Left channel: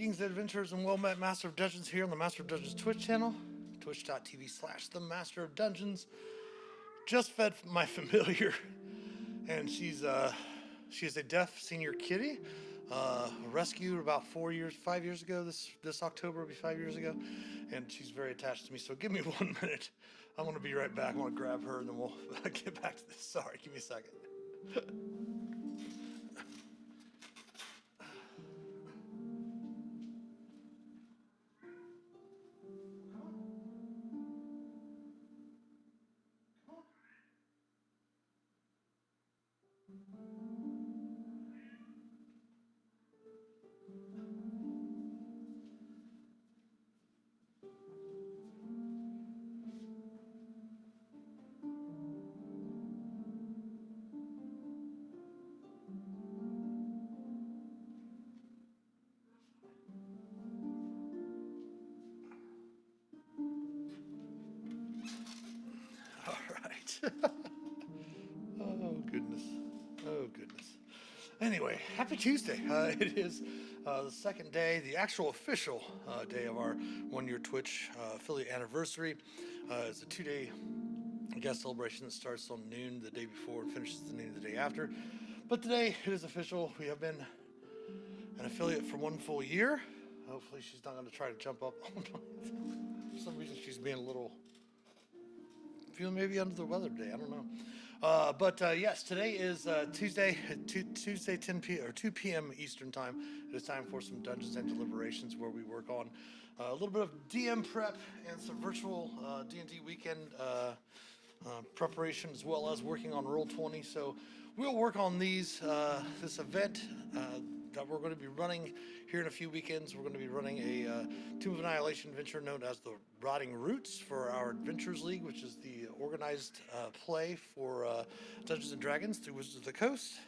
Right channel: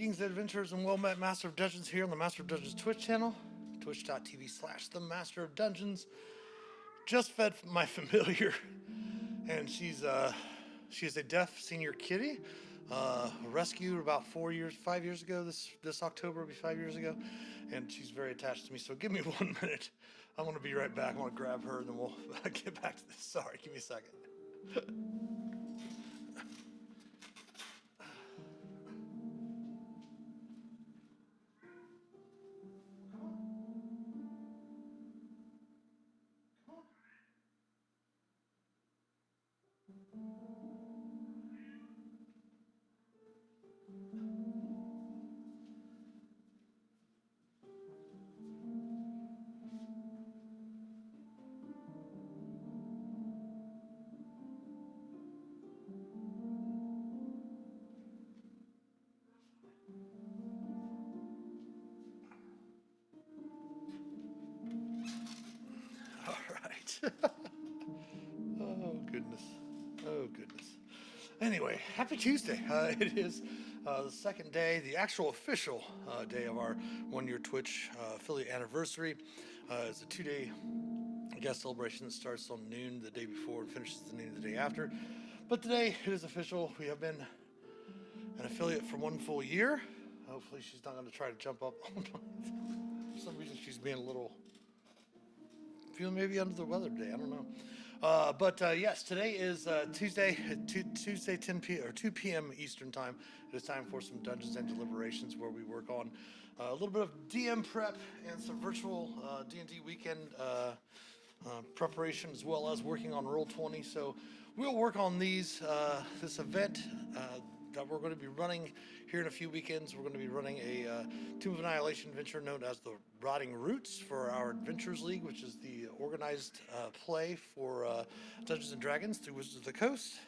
Greetings, adventurers, and well-met Master of Dungeons here on the Master of Dungeons Twitch channel, twitch.tv/the Master of Dungeons. Just fed my familiar, and she's a deaf senior kitty, rescued about 5 years ago. This October will be 5 years ago, and she's very attached to me. So give me 1 minute. I'm gonna be right back. I want to grab her, and then we'll get back to this. Sorry, give me a second. All right. Oh, goodness. Oh, goodness. Anyway, happy Tuesday. It is the second day, the actual official day of our 1 year Twitch affiliate anniversary. It's a 2-day, celebration that starts on noon the day before and finishes the noon the day after. But today it is official. We have been an affiliate for 1 full year. Hopefully she's not going to try to jump up. For some reason she's being a little, feeling maybe under the weather today. I don't know. But yes, today is Tuesday 2 p.m. Eastern time. It is time for some Dungeons and Deliberations, where we work on a little bit of DM prep and some virtual D&D weekend preparation, as well as working on Roll20. So we'll work on this event that we're going to be running here in a few weekends. We're going to be running a Tomb of Annihilation adventure known as the Rotting Roots for our Adventures League, which is the organized play for Dungeons and Dragons through Wizards of the Coast.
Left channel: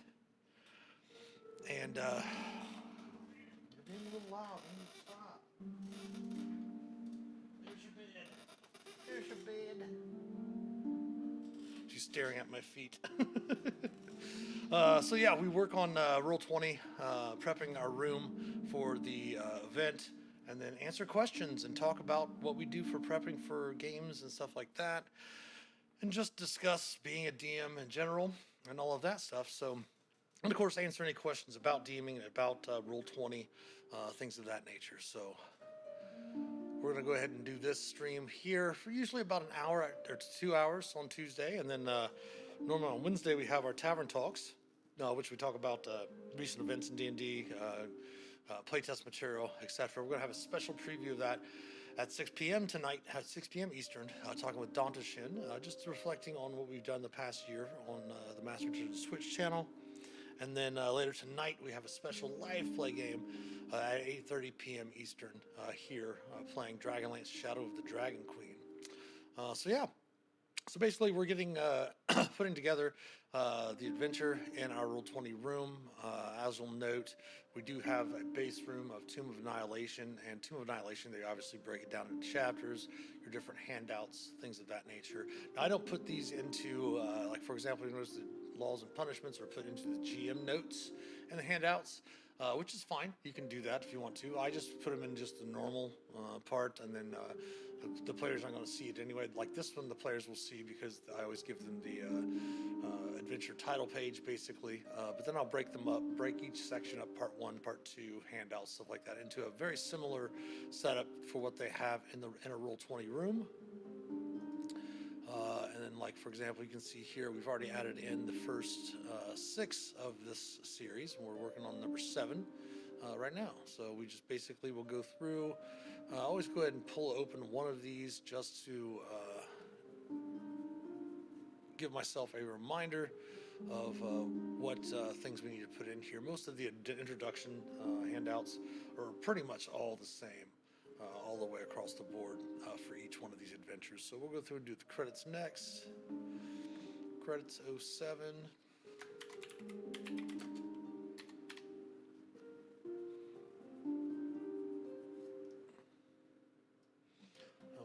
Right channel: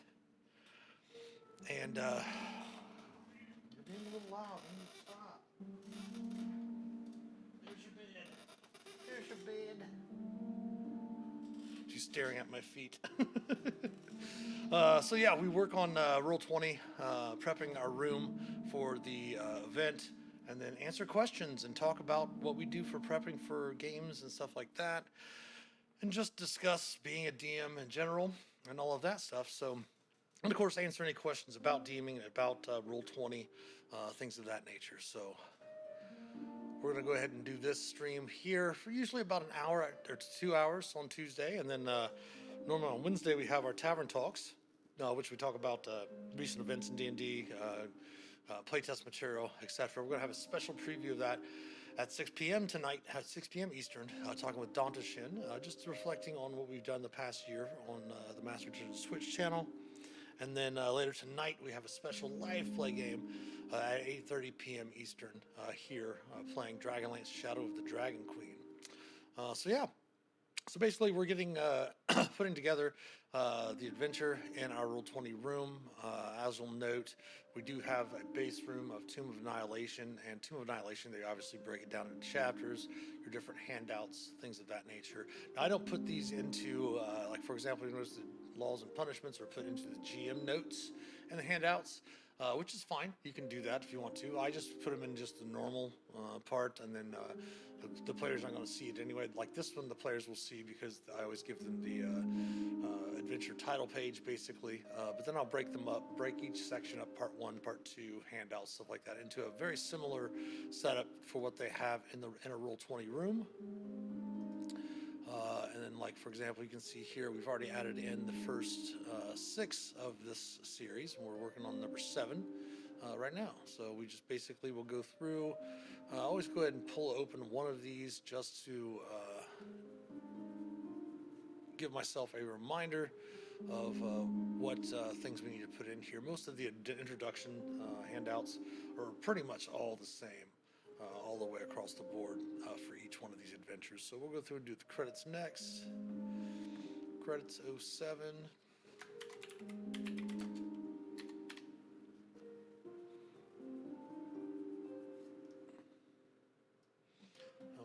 And you're being a little loud. You need to stop. There's your bed. There's your bed. She's staring at my feet. So yeah, we work on Roll20, prepping our room for the event, and then answer questions and talk about what we do for prepping for games and stuff like that, and just discuss being a DM in general and all of that stuff. So, and of course, answer any questions about DMing, about Roll20, things of that nature. So we're going to go ahead and do this stream here for usually about an hour or 2 hours on Tuesday, and then normally on Wednesday we have our Tavern Talks, which we talk about recent events in D&D, playtest material, etc. We're going to have a special preview of that at 6 p.m. tonight, at 6 p.m. Eastern, talking with Danta Shin, just reflecting on what we've done the past year on the Master of Dungeons Twitch channel. And then later tonight, we have a special live play game at 8:30 p.m. Eastern here, playing Dragonlance Shadow of the Dragon Queen. So yeah. So basically, we're getting putting together the adventure in our Roll20 room. As you'll note, we do have a base room of Tomb of Annihilation, and Tomb of Annihilation, they obviously break it down into chapters, your different handouts, things of that nature. Now, I don't put these into, like for example, you notice the laws and punishments are put into the GM notes and the handouts, which is fine. You can do that if you want to. I just put them in just the normal part, and then the players aren't going to see it anyway. Like this one, the players will see, because I always give them the adventure title page, basically. But then I'll break them up, break each section up, part 1, part 2, handouts, stuff like that, into a very similar setup for what they have in a Roll20 room. And then, like, for example, you can see here, we've already added in the first 6 of this series, and we're working on number 7 right now. So we just basically will go through, always go ahead and pull open one of these just to give myself a reminder of what things we need to put in here. Most of the introduction handouts are pretty much all the same, all the way across the board for each one of these adventures. So we'll go through and do the credits next. Credits 07.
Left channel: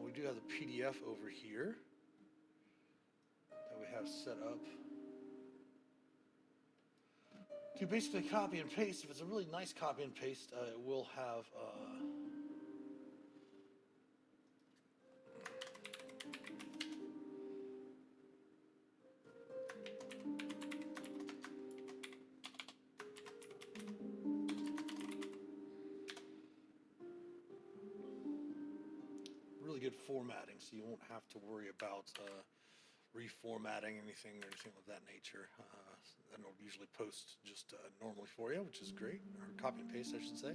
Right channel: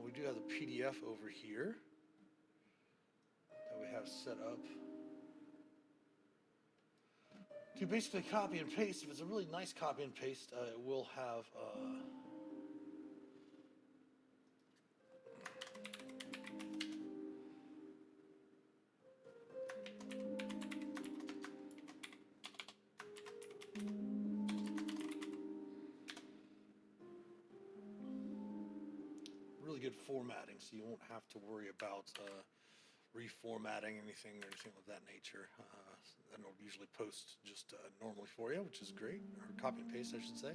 We do have the PDF over here that we have set up to basically copy and paste. If it's a really nice copy and paste, it will have really good formatting, so you won't have to worry about reformatting anything or anything of that nature. And it'll usually post just normally for you, which is great, or copy and paste, I should say.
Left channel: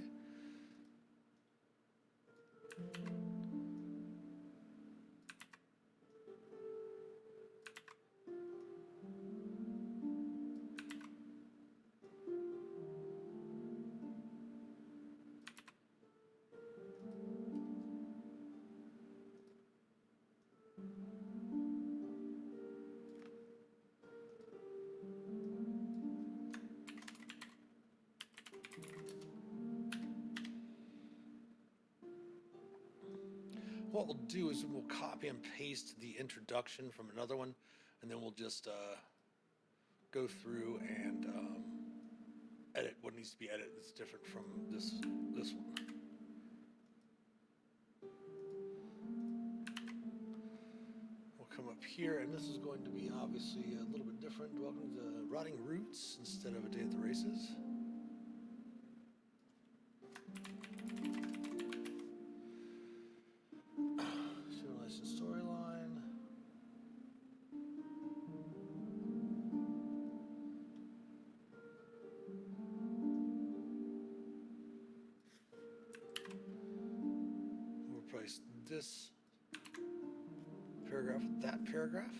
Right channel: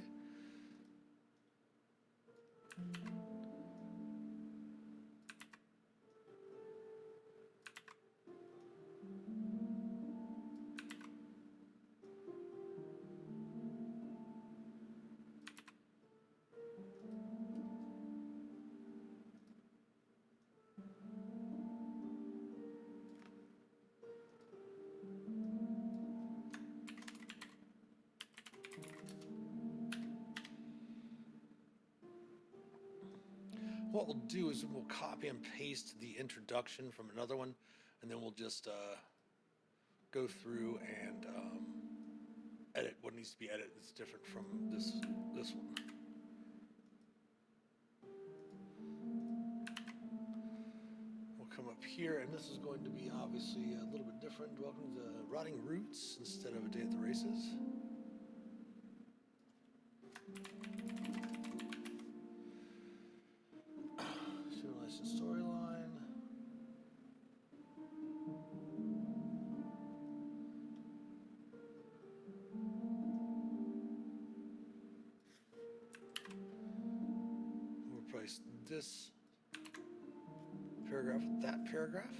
What we'll do is we'll copy and paste the introduction from another one, and then we'll just go through and edit what needs to be edited that's different from this one. We'll come up here, and this is going to be obviously a little bit different. Welcome to Rotting Roots instead of A Day at the Races. Storyline. We'll replace this paragraph with that paragraph.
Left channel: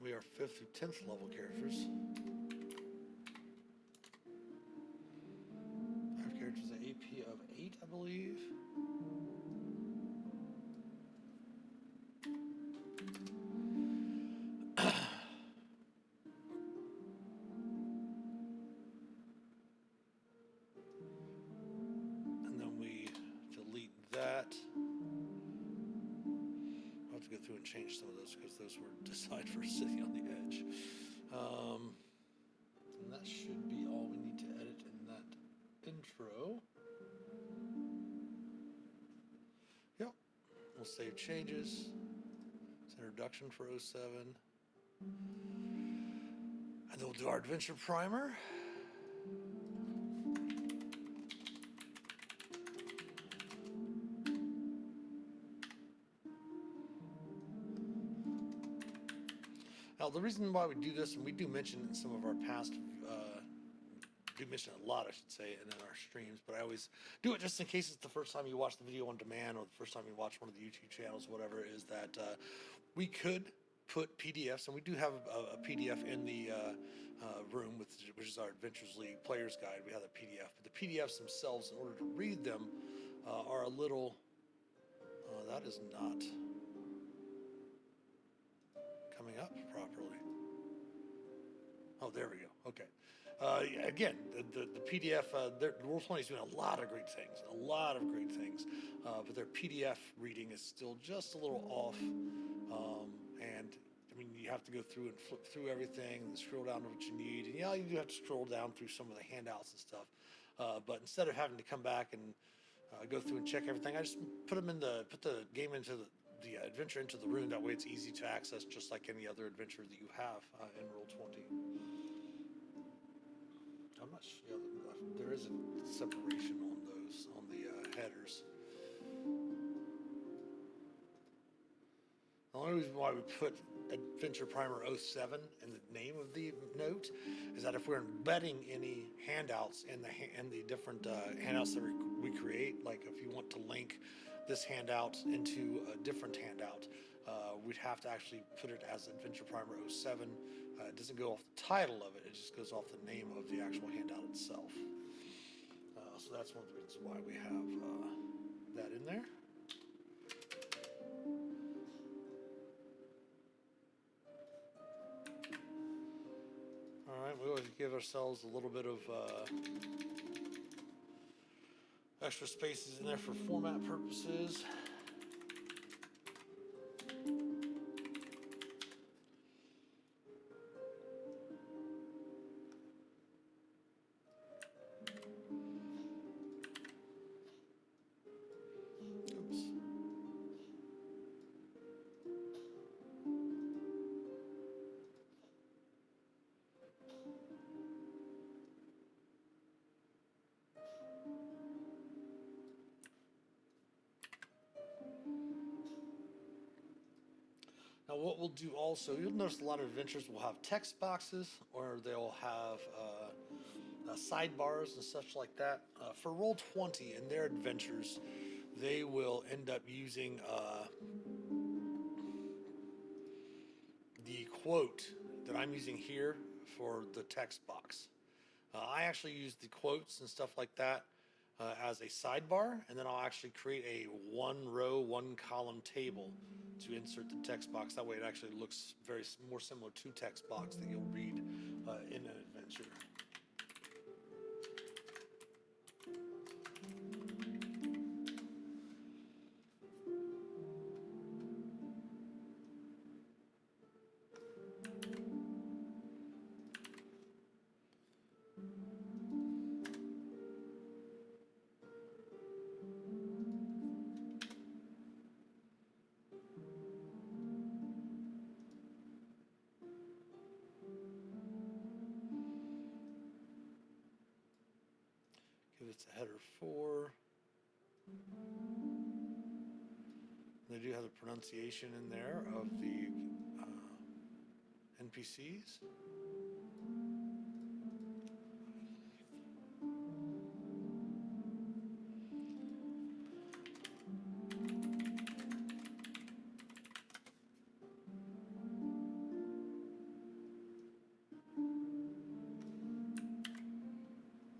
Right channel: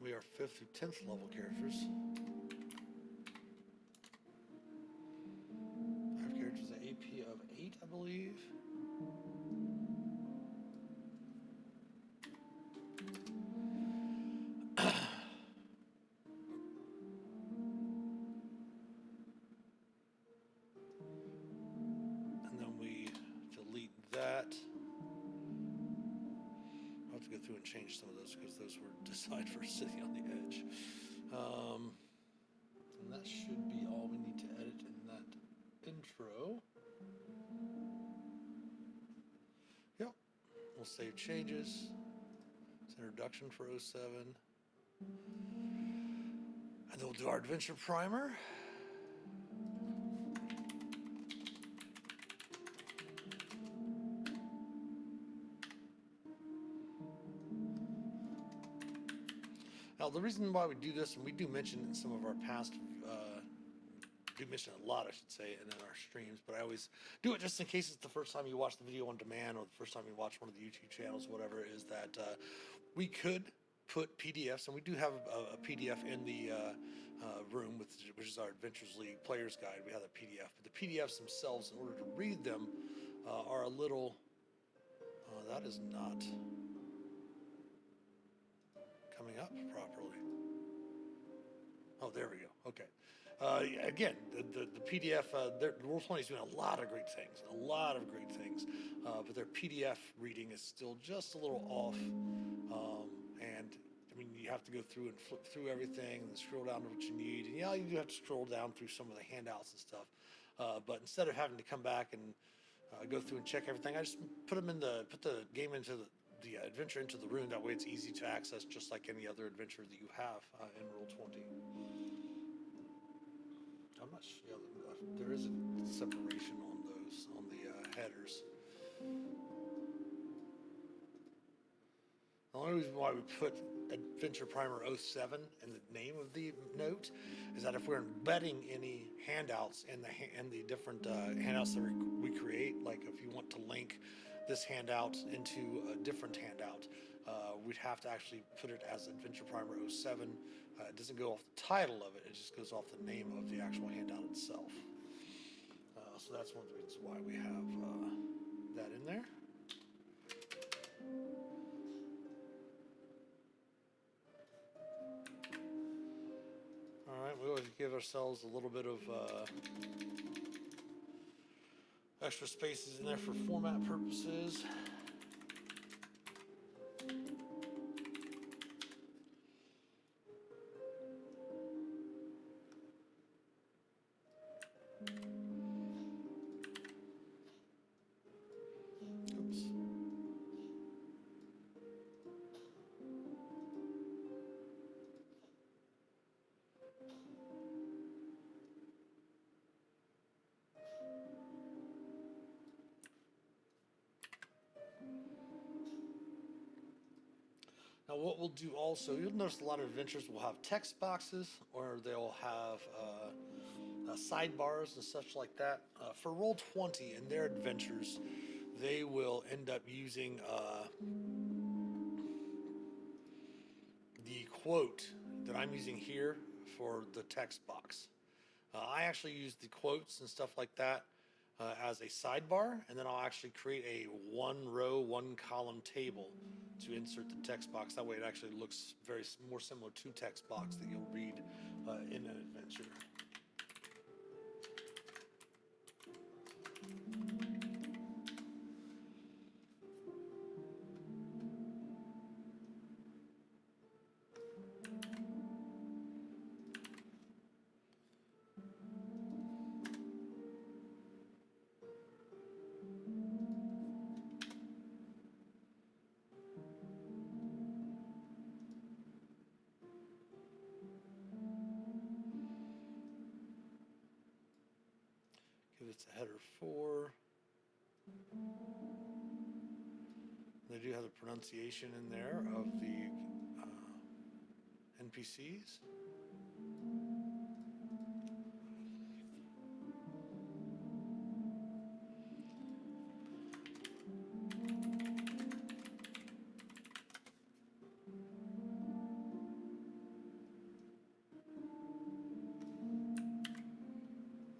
We are 5th through 10th level characters. 5 characters, an AP of 8, I believe. And then we delete that. I'll have to go through and change some of those because those were designed for sitting on the edge. And that should be all we need to edit in that intro. Yep. We'll save changes. It's introduction for 07. And then we'll do our adventure primer. Now, the reason why we do this, and we do mention in some of our past, do mention a lot, I should say, and in our streams, but I always do it just in case it's the first time you watch the video on demand or the first time you watch one of the YouTube channels, whatever, is that we could put PDFs, and we do have a PDF in the room, which is our Adventures League Player's Guide. We have a PDF, but the PDFs themselves, in order to read them, are a little, that is not coming up properly. Oh, there we go. Okay. Again, the PDF, Roll20 is doing a lot of great things, but their PDF reading is still just a little off. And I mean, you have to go through and flip through everything and scroll down to what you need. And yeah, you do have to scroll down through some of the handouts and stuff. But instead of having to come back and go through and check everything, I just put the game into the adventure into the room. That way it's easy to access, just like any other adventure that you have in Roll20. I'm not sure. Yeah, there is a separation on those, on the headers. The only reason why we put Adventure Primer 07 in the name of the note is that if we're embedding any handouts in the different handouts that we create, like if you want to link this handout into a different handout, we'd have to actually put it as Adventure Primer 07. It doesn't go off the title of it, it just goes off the name of the actual handout itself. So that's one of the reasons why we have that in there. All right, we always give ourselves a little bit of extra spaces in there for format purposes. Now, what we'll do also, you'll notice a lot of adventures will have text boxes, or they'll have sidebars and such like that. For Roll20 and their adventures, they will end up using the quote that I'm using here for the text box. I actually use the quotes and stuff like that as a sidebar, and then I'll actually create a one row, one column table to insert the text box. That way it actually looks very more similar to text box that you'll read in an adventure. Give it a header 4. They do have the pronunciation in there of the NPCs.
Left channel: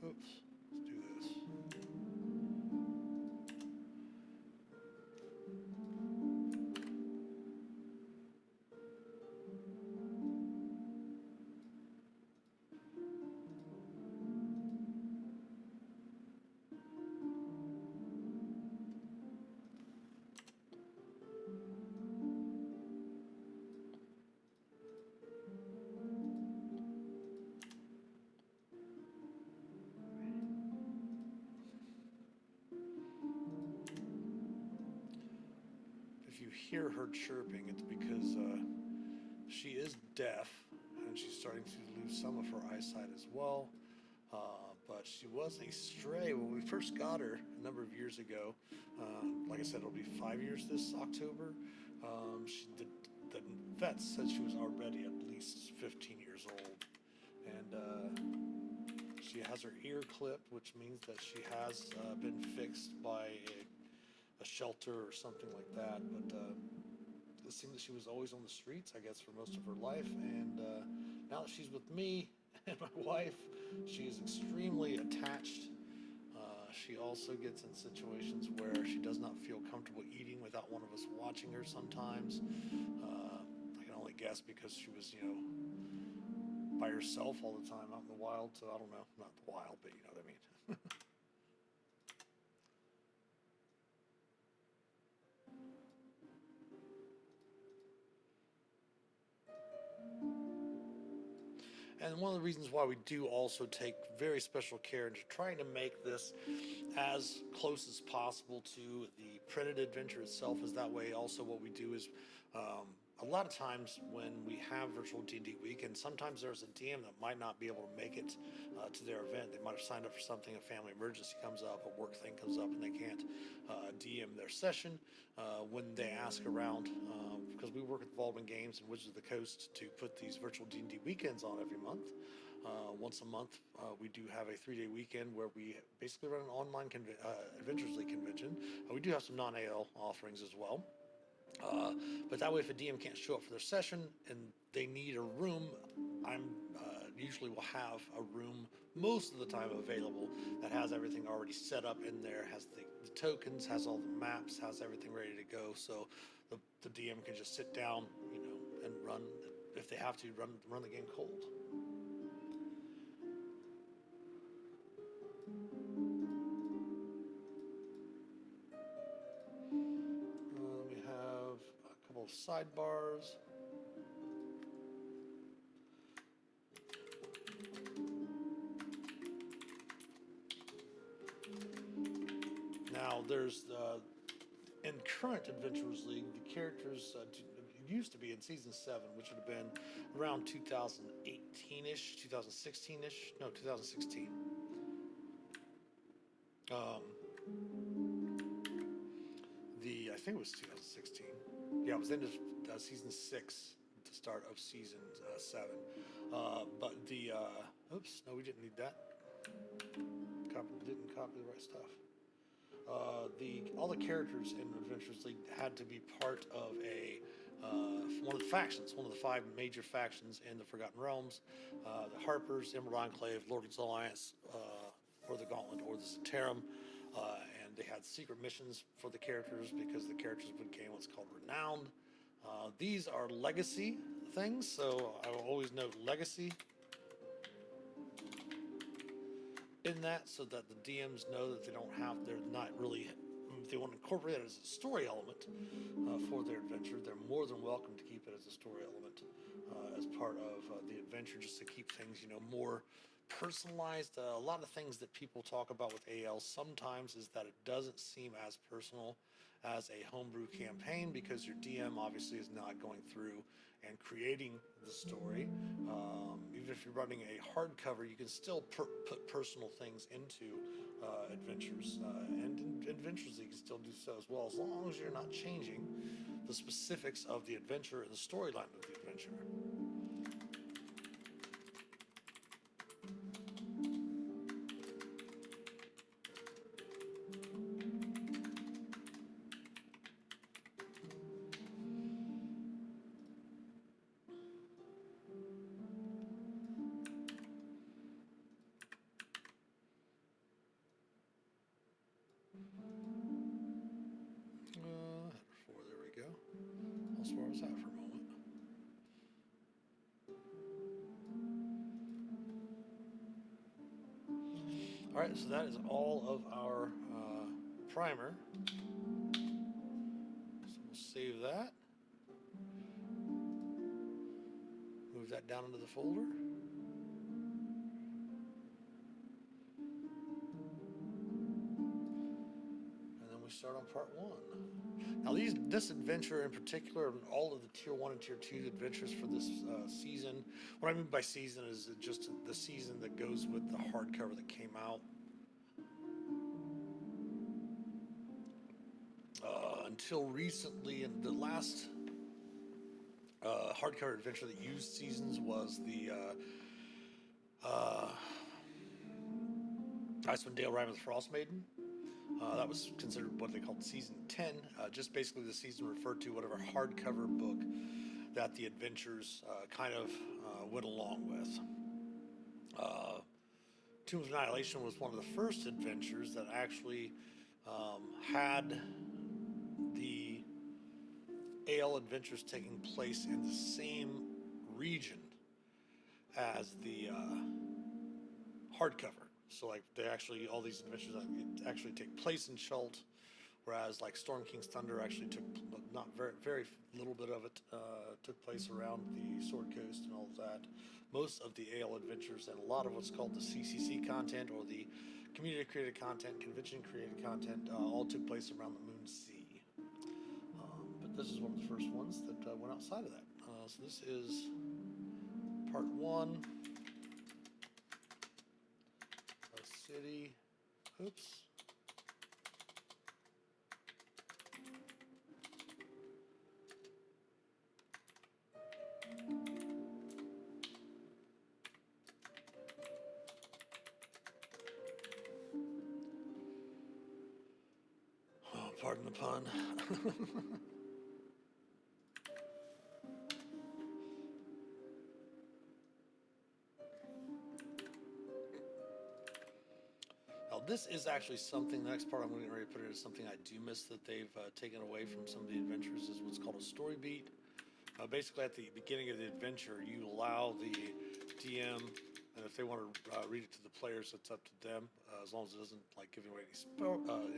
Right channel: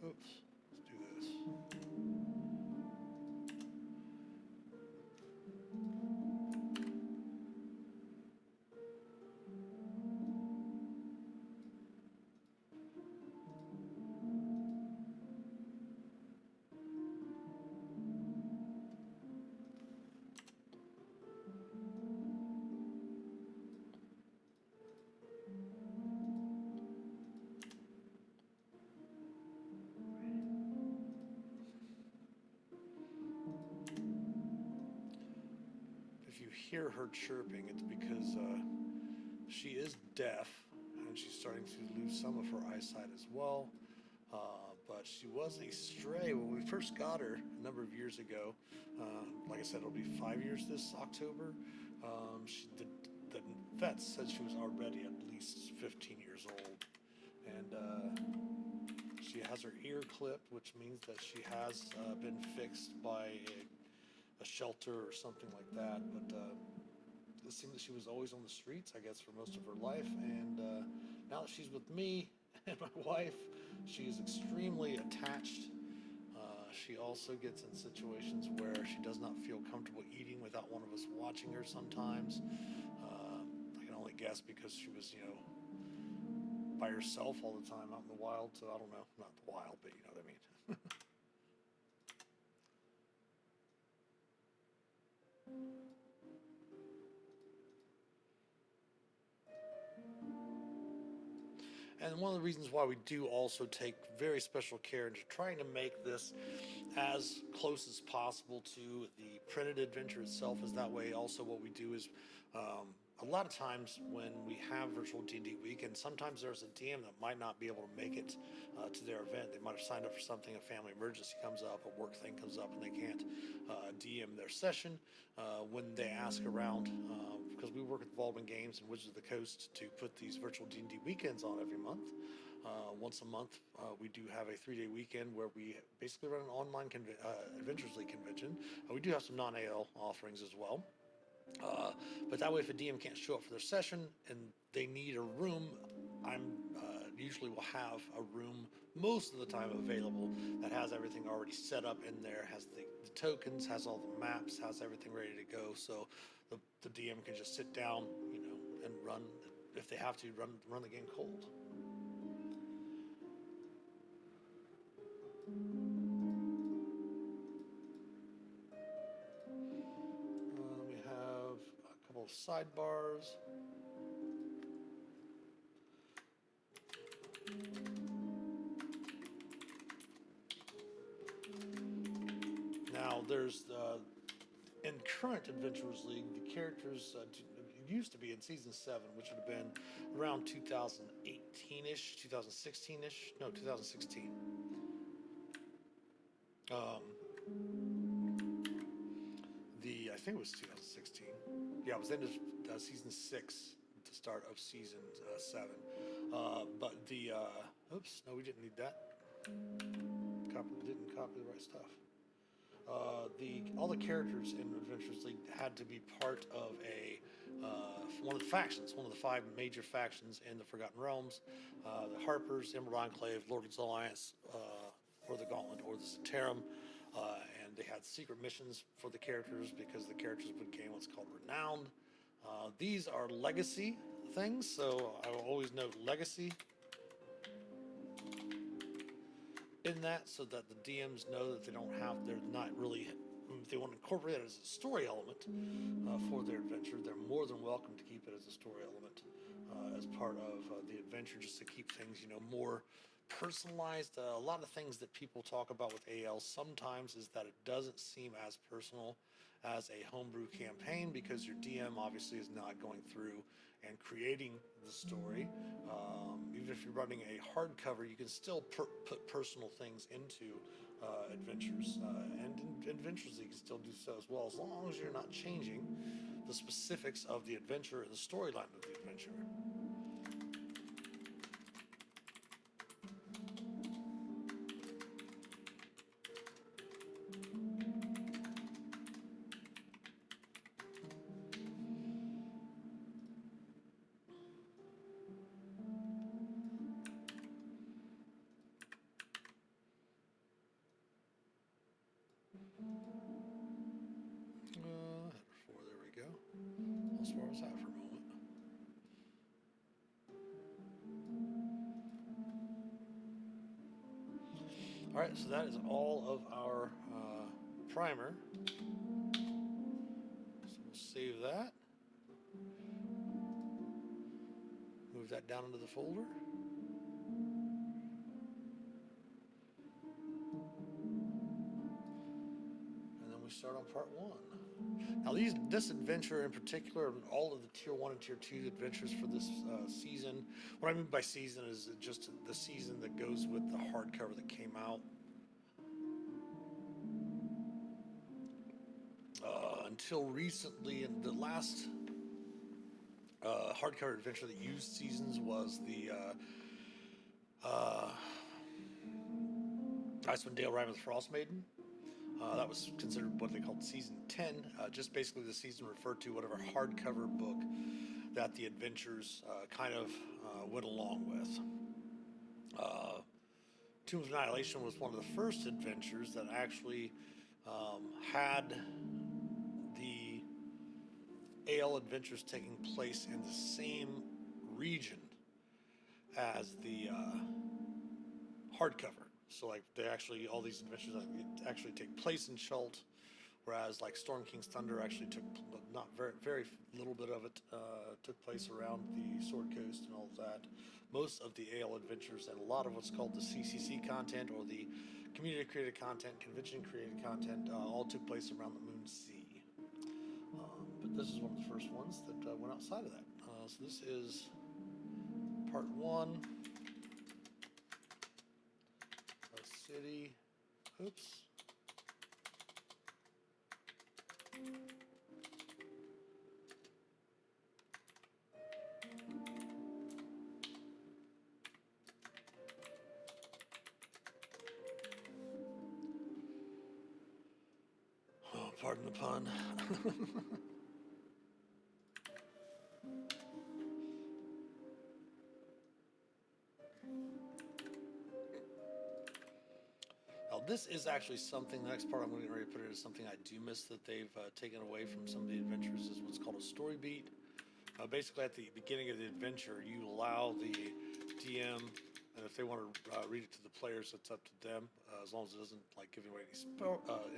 Oops, let's do this. If you hear her chirping, it's because she is deaf and she's starting to lose some of her eyesight as well. But she was a stray when we first got her a number of years ago. Like I said, it'll be 5 years this October. The vet said she was already at least 15 years old. And she has her ear clipped, which means that she has been fixed by a shelter or something like that. But it seemed that she was always on the streets, I guess, for most of her life. And now that she's with me and my wife, she is extremely attached. She also gets in situations where she does not feel comfortable eating without one of us watching her sometimes. I can only guess because she was, by herself all the time out in the wild. So I don't know, not the wild, but you know what I mean. And one of the reasons why we do also take very special care into trying to make this as close as possible to the printed adventure itself is that way. Also, what we do is a lot of times when we have virtual D&D weekend, sometimes there's a DM that might not be able to make it to their event. They might have signed up for something, a family emergency comes up, a work thing comes up, and they can't DM their session. When they ask around, because we work with Baldwin Games and Wizards of the Coast to put these virtual D&D weekends on every month. Once a month, we do have a 3-day weekend where we basically run an online Adventures League convention. We do have some non-AL offerings as well. But that way, if a DM can't show up for their session and they need a room, I'm usually will have a room most of the time available that has everything already set up in there, has the tokens, has all the maps, has everything ready to go. So the DM can just sit down, and run, if they have to, run the game cold. We have a couple of sidebars. Now, there's in current Adventurers League, the characters used to be in season 7, which would have been around 2018-ish, 2016-ish, no, 2016. I think it was 2016. Yeah, it was the end of season 6, the start of season 7. But the oops, no, we didn't need that. Didn't copy the right stuff. All the characters in Adventures League had to be part of a one of the factions, one of the 5 major factions in the Forgotten Realms: the Harpers, Emerald Enclave, Lord's Alliance, or the Gauntlet, or the Zentarum. And they had secret missions for the characters because the characters would gain what's called Renowned. These are legacy things, so I will always note legacy in that, so that the DMs know that they're not really, if they want to incorporate it as a story element for their adventure, they're more than welcome to keep it as a story element as part of the adventure, just to keep things, more personalized. A lot of things that people talk about with AL sometimes is that it doesn't seem as personal as a homebrew campaign, because your DM obviously is not going through and creating the story. Even if you're running a hardcover, you can still put personal things into adventures, and in Adventures you can still do so as well, as long as you're not changing the specifics of the adventure and the storyline of the adventure. There we go. As far as that for a moment. All right, so that is all of our primer. So we'll save that. Move that down into the folder. And then we start on part 1. Now, this adventure in particular, and all of the Tier 1 and Tier 2 adventures for this season, what I mean by season is just the season that goes with the hardcover that came out. Until recently, and the last hardcover adventure that used seasons was the Icewind Dale Rime of the Frost Maiden. That was considered what they called season 10, just basically the season referred to whatever hardcover book that the adventures kind of went along with. Tomb of Annihilation was one of the first adventures that actually had the AL adventures taking place in the same region as the hardcover. So like all these adventures actually take place in Chult, whereas like Storm King's Thunder actually took not very little bit of it took place around the Sword Coast and all of that. Most of the AL adventures and a lot of what's called the CCC content, or the community created content, convention created content, all took place around the Moon Sea. But this is one of the first ones that went outside of that. So this is part 1. City. Oops. Oh, pardon the pun. Now, this is actually something, the next part I'm going to put it is something I do miss that they've taken away from some of the adventures, is what's called a story beat. Basically, at the beginning of the adventure, you allow the DM, and if they want to read it to the players, it's up to them, as long as it doesn't like give away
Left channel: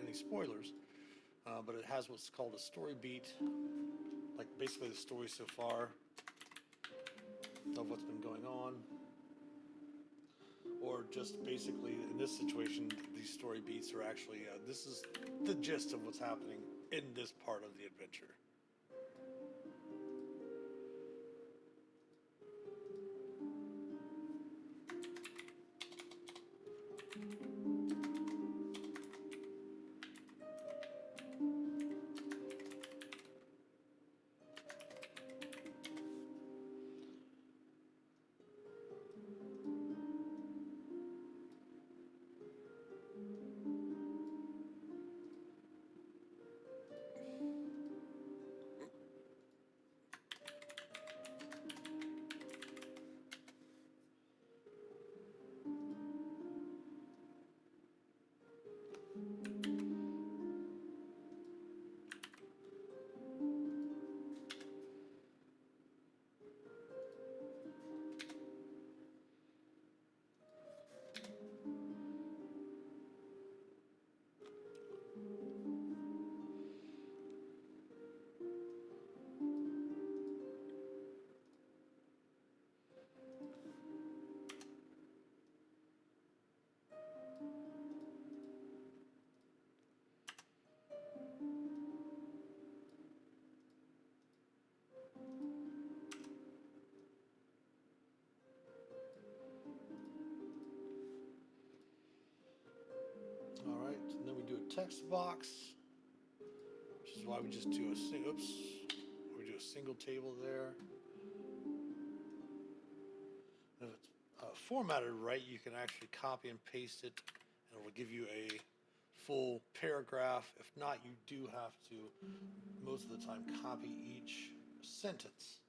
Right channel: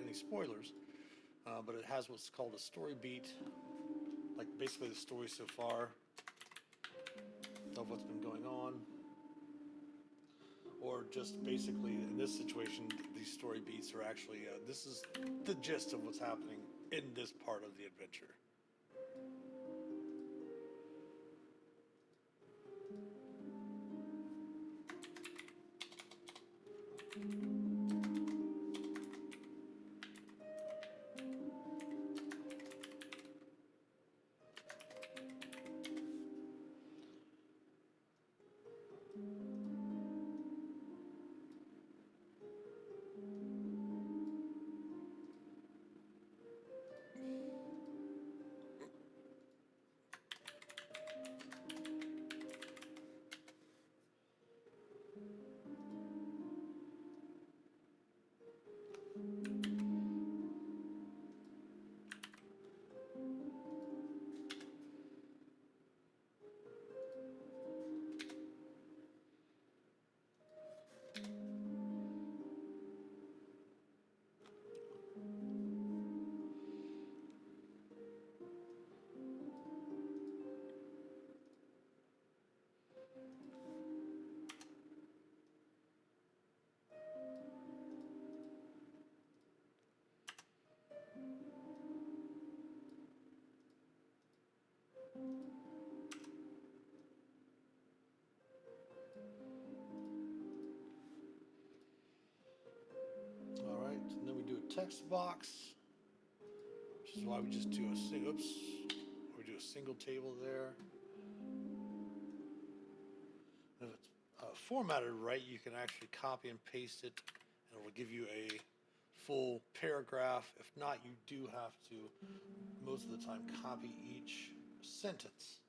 any spoilers. But it has what's called a story beat, like basically the story so far of what's been going on. Or just basically, in this situation, these story beats are actually, this is the gist of what's happening in this part of the adventure. All right, and then we do a text box, which is why we just do a single. Oops, we do a single table there. If it's formatted right, you can actually copy and paste it, and it will give you a full paragraph. If not, you do have to, most of the time, copy each sentence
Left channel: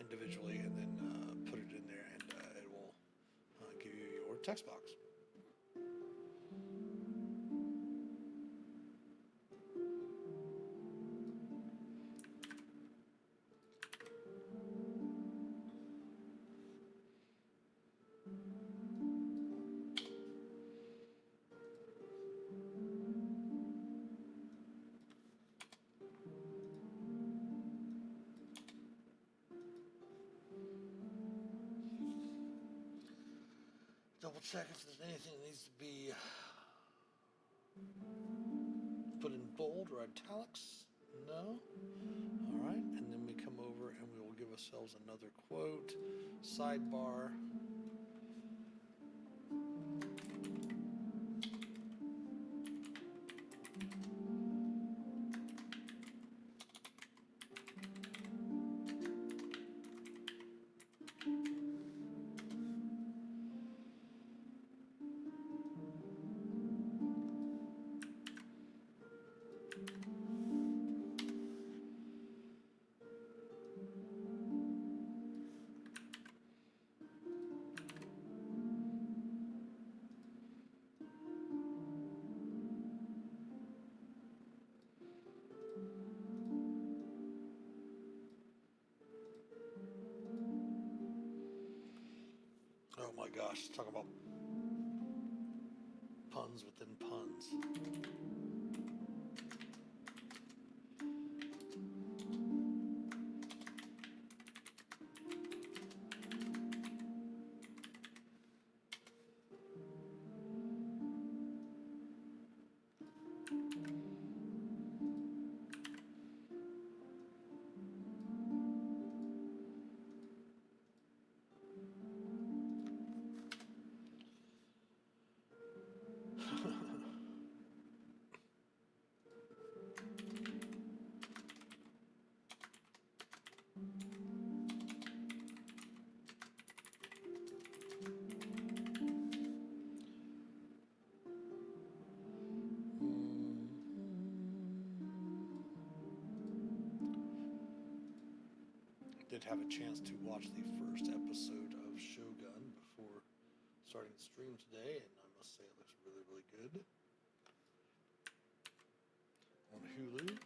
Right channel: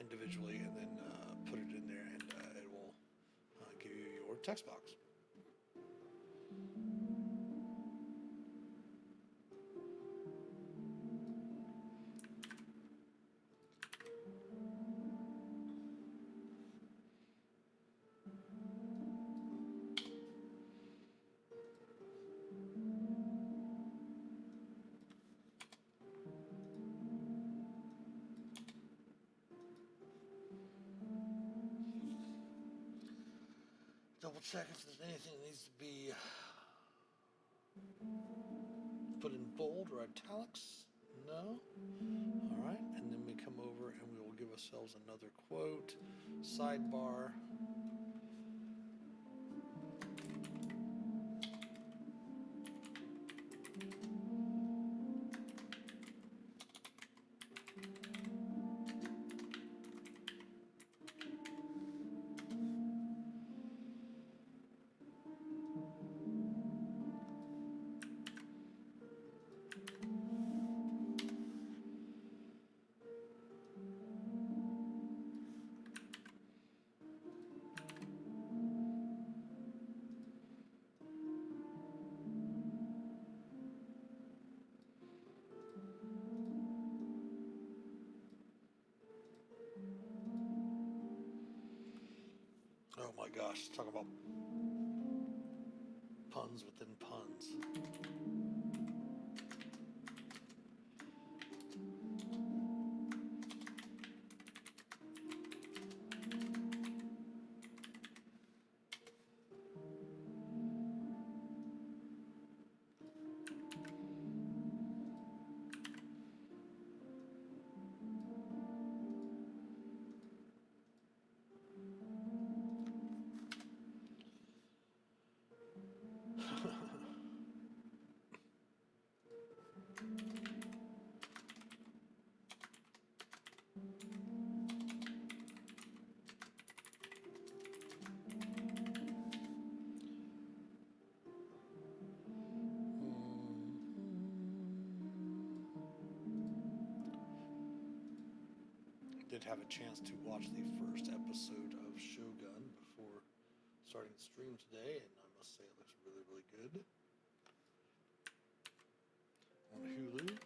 individually and then put it in there, and it will give you your text box. Double check if there's anything that needs to be put in bold or italics. No. All right, and then we come over and we will give ourselves another quote, sidebar. Oh my gosh, talk about puns within puns. Did have a chance to watch the first episode of Shogun before starting the stream today, and I must say it looks really, really good on Hulu.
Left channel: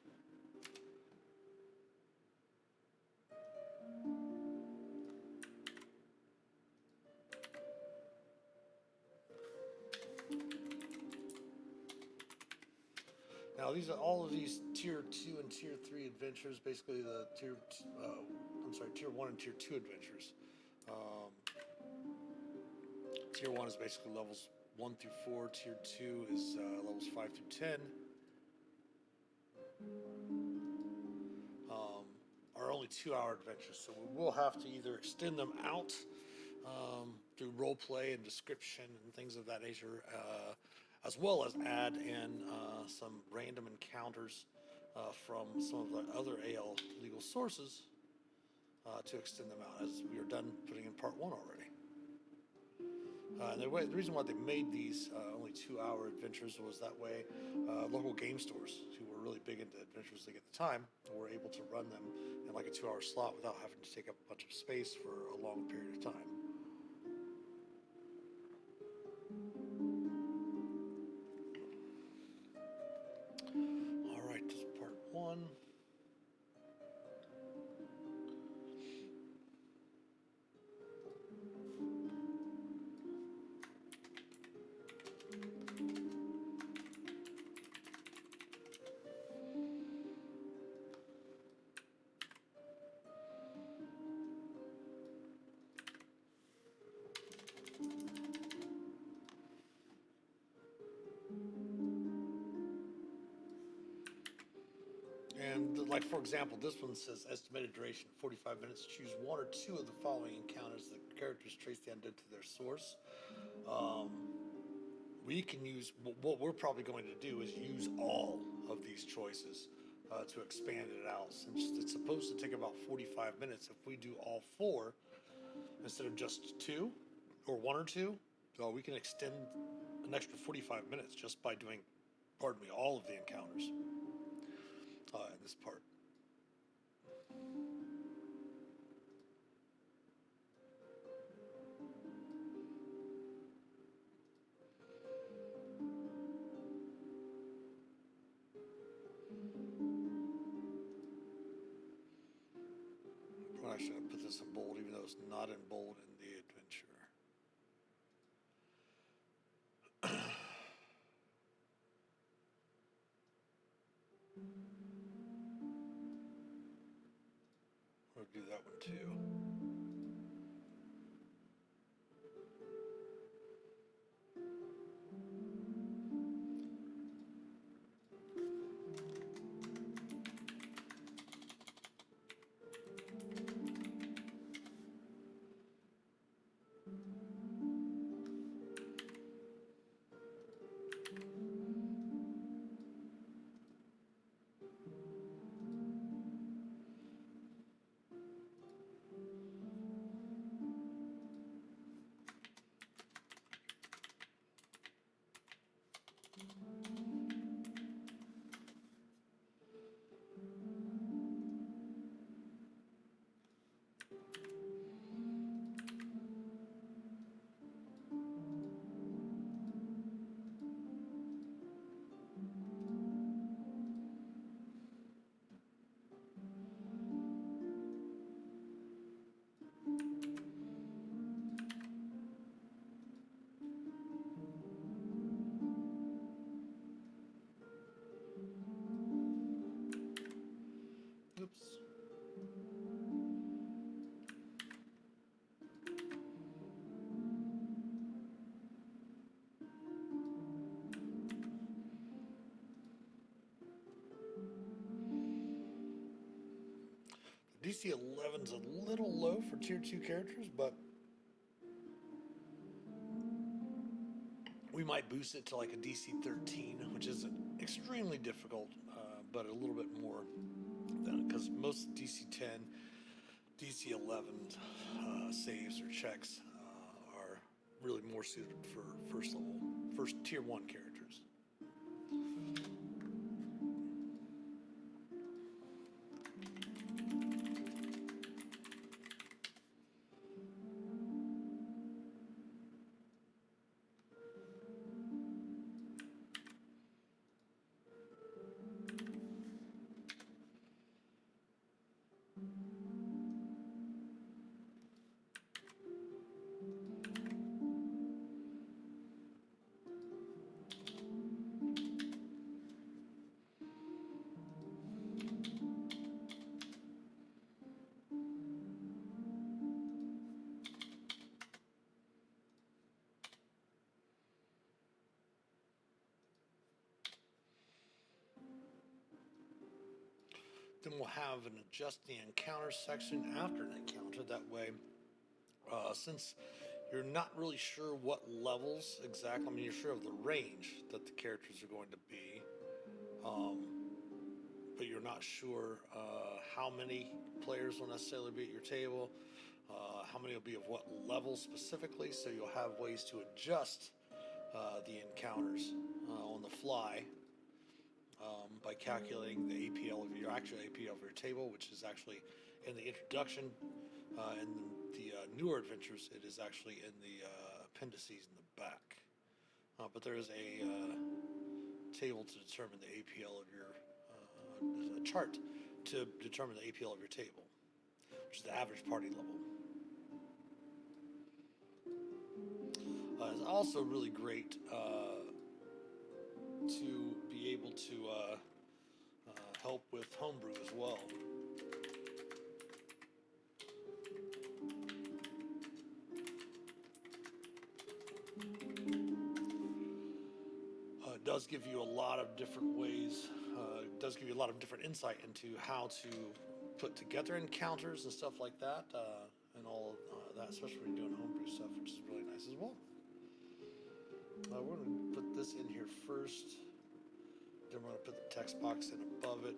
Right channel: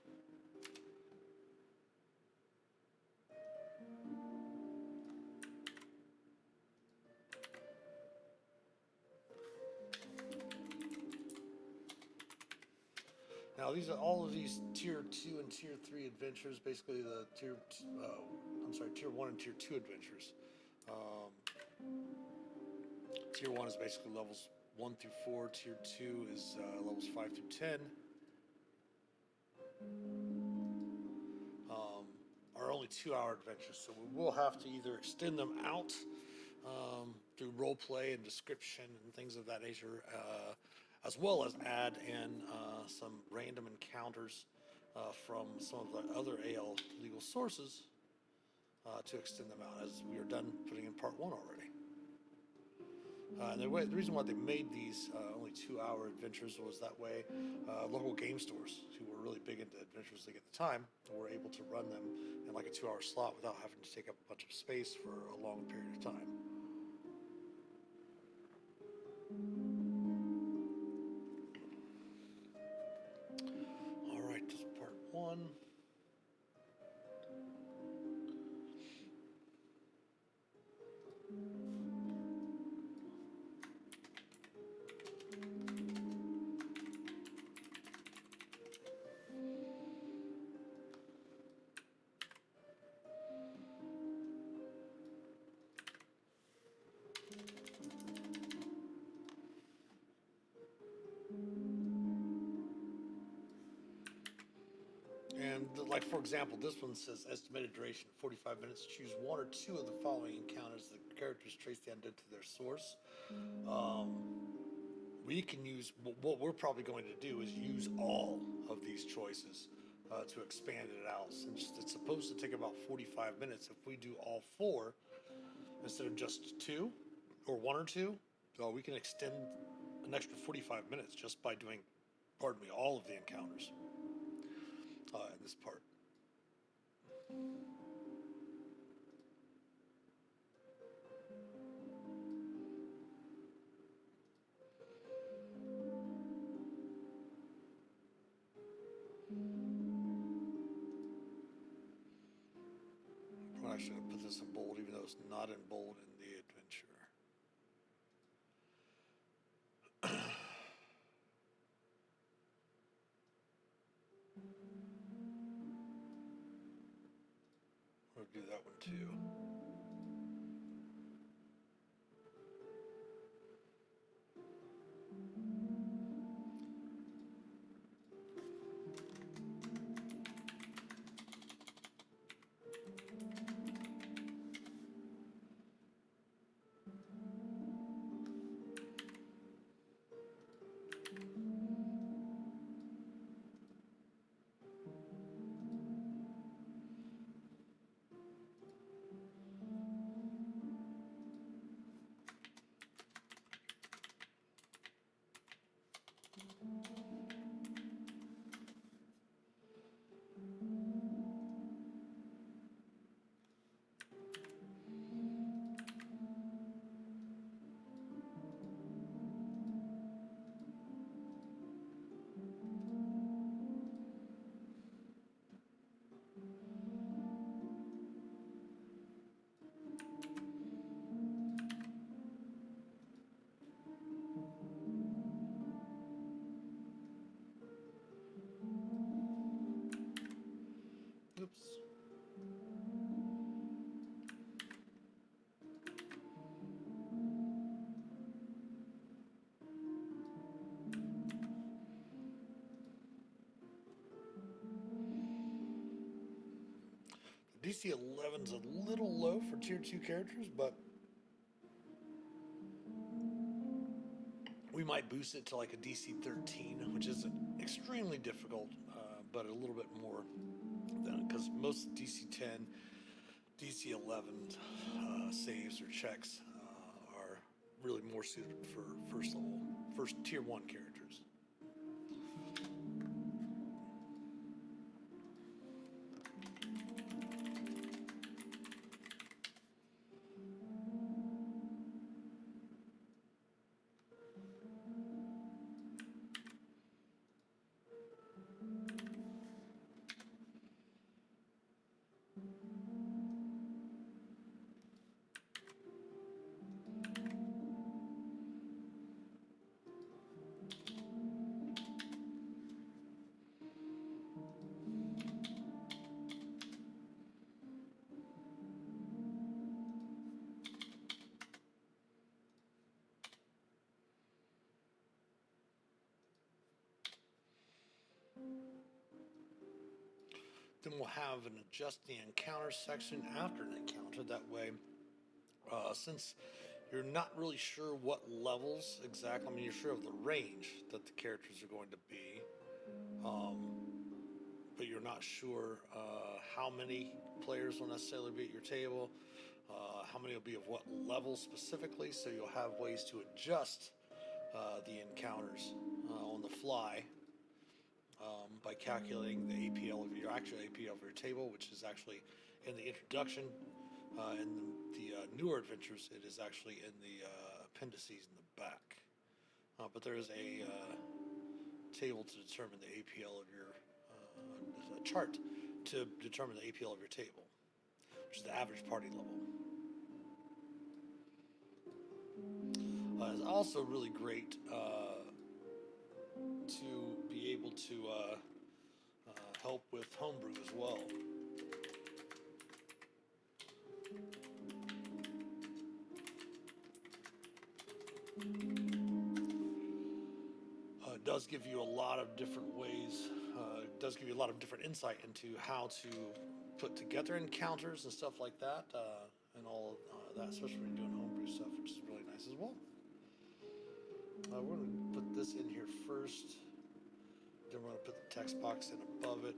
Now these are all of these tier 2 and tier 3 adventures, basically the tier 1 and tier 2 adventures. Tier 1 is basically levels 1 through 4. Tier 2 is levels 5 through 10. Are only 2-hour adventures, so we will have to either extend them out through role play and description and things of that nature, as well as add in some random encounters from some of the other AL legal sources to extend them out, as we are done putting in part 1 already. And the reason why they made these only 2-hour adventures was that way local game stores who were really big into Adventures League at the time were able to run them in like a 2-hour slot without having to take up a bunch of space for a long period of time. All right, this is part 1. like for example, this one says estimated duration 45 minutes. Choose one or two of the following encounters. The characters trace the undead to their source. We can use what we're probably going to do is use all of these choices to expand it out. Since it's supposed to take about 45 minutes, if we do all four instead of just two or one or two, we can extend an extra 45 minutes just by doing, pardon me, all of the encounters in this part. Probably should have put this in bold, even though it's not in bold in the adventure. We'll do that one too. Oops. DC 11's a little low for tier 2 characters, but we might boost it to like a DC 13, which isn't extremely difficult, but a little bit more than, because most DC 10, DC 11 saves or checks are really more suited for first tier 1 characters. Then we'll have an adjust the encounter section after an encounter. That way, since you're not really sure what levels exactly, I mean, you're sure of the range that the characters are going to be, but you're not sure how many players will necessarily be at your table, how many will be of what level specifically, so you'll have ways to adjust the encounters on the fly. By calculating the APL of your actual APL of your table, which is actually in the introduction. In the newer adventures, it is actually in the appendices in the back. But there is a table to determine the APL of your, a chart to determine the APL of your table, which is the average party level. It's also really great to be able to help with homebrew as well. It does give you a lot of different ways It does give you a lot of different insight into how to put together encounters and stuff like that, and all that, especially when you're doing homebrew stuff, which is really nice as well. We're going to put this in here first. Then we're going to put the text box in above it.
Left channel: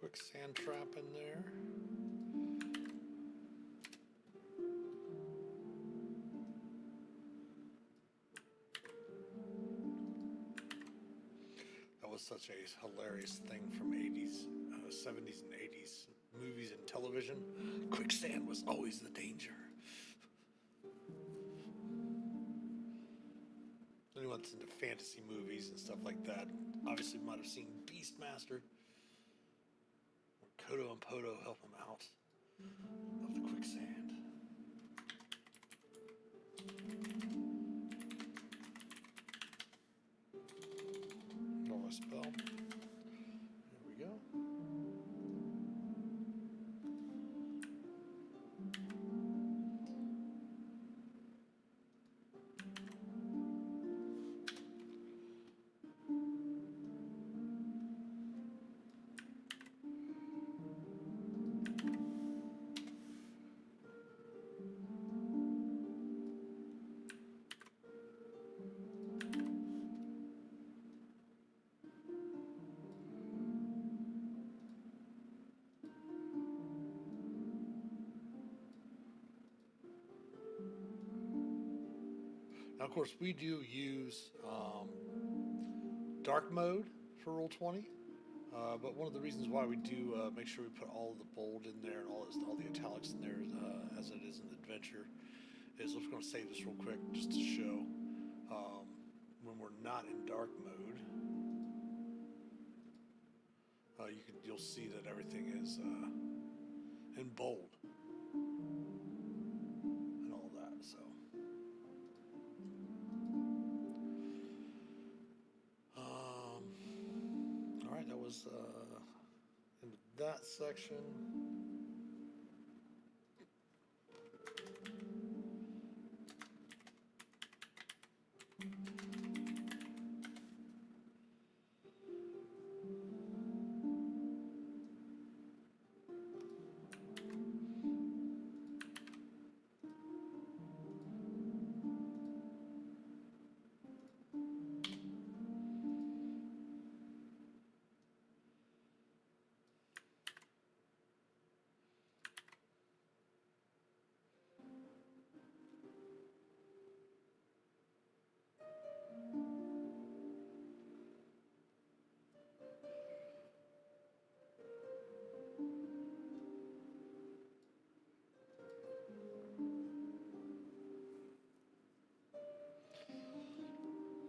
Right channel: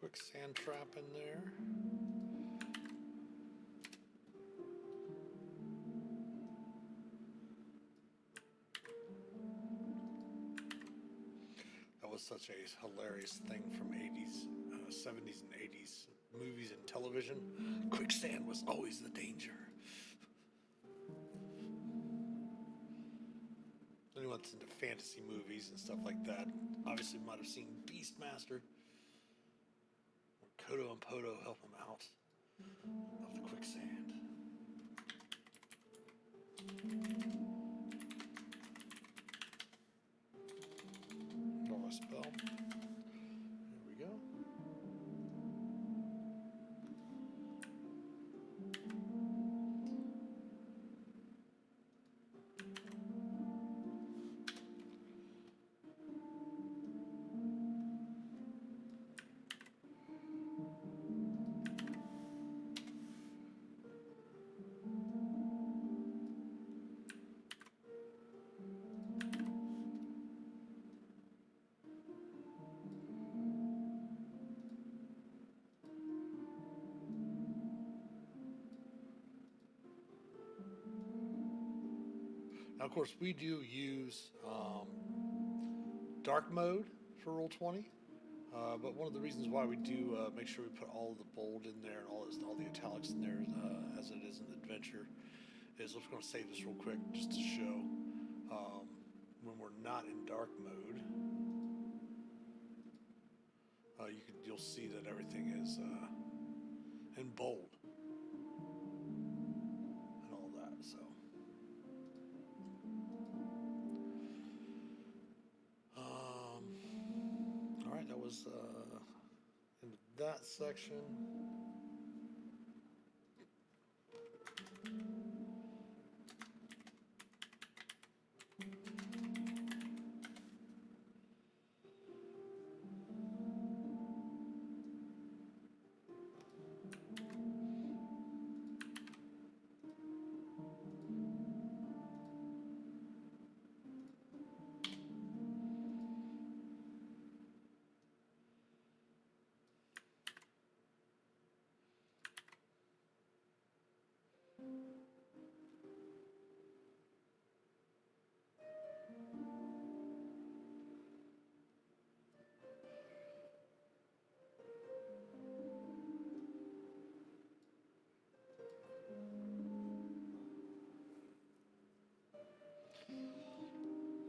Quick sand trap in there. That was such a hilarious thing from 80s, 70s and 80s movies and television. Quicksand was always the danger. Anyone that's into fantasy movies and stuff like that obviously might have seen Beastmaster, where Kodo and Podo help him out of the quicksand. Roll a spell. There we go. Now, of course, we do use dark mode for Roll20, but one of the reasons why we do make sure we put all of the bold in there and all the italics in there as it is in the adventure is, I'm just going to save this real quick just to show when we're not in dark mode. You'll see that everything is in bold and all that. So. All right, that was into that section.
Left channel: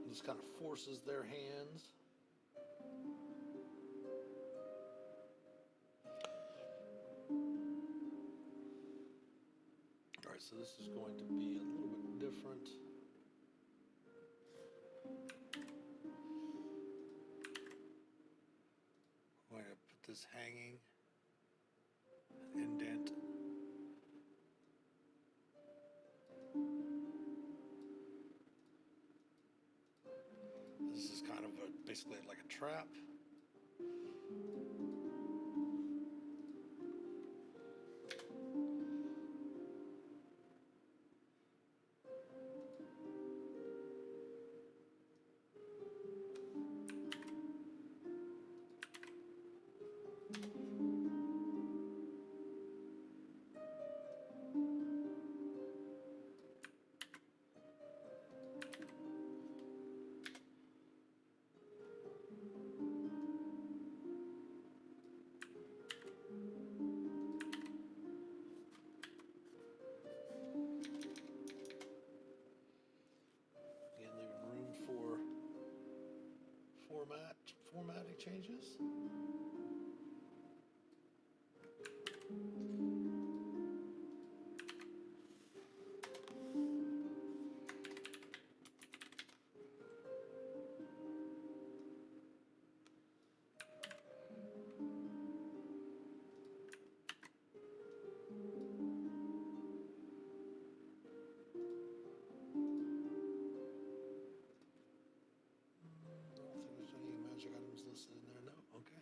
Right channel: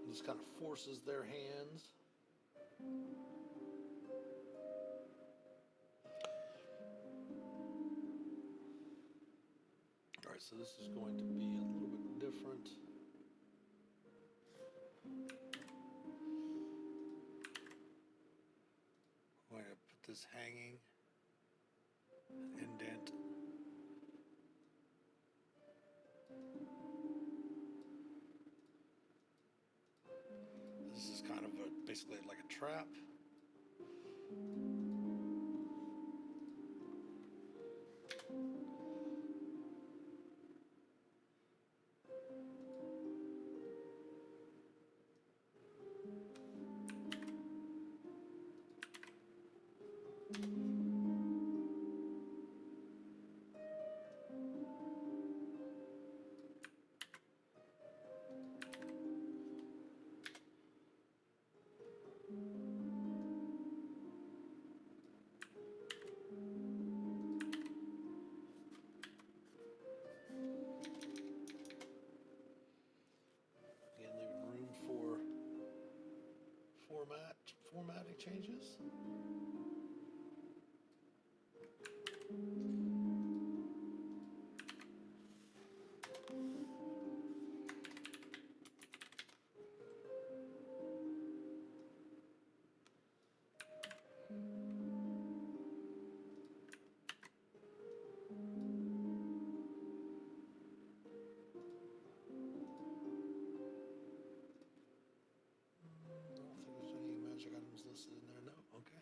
Just kind of forces their hands. All right, so this is going to be a little bit different. I'm going to put this hanging, indent. basically like a trap. Again, leaving room for formatting changes. I don't think there's any magic items listed in there. No. Okay.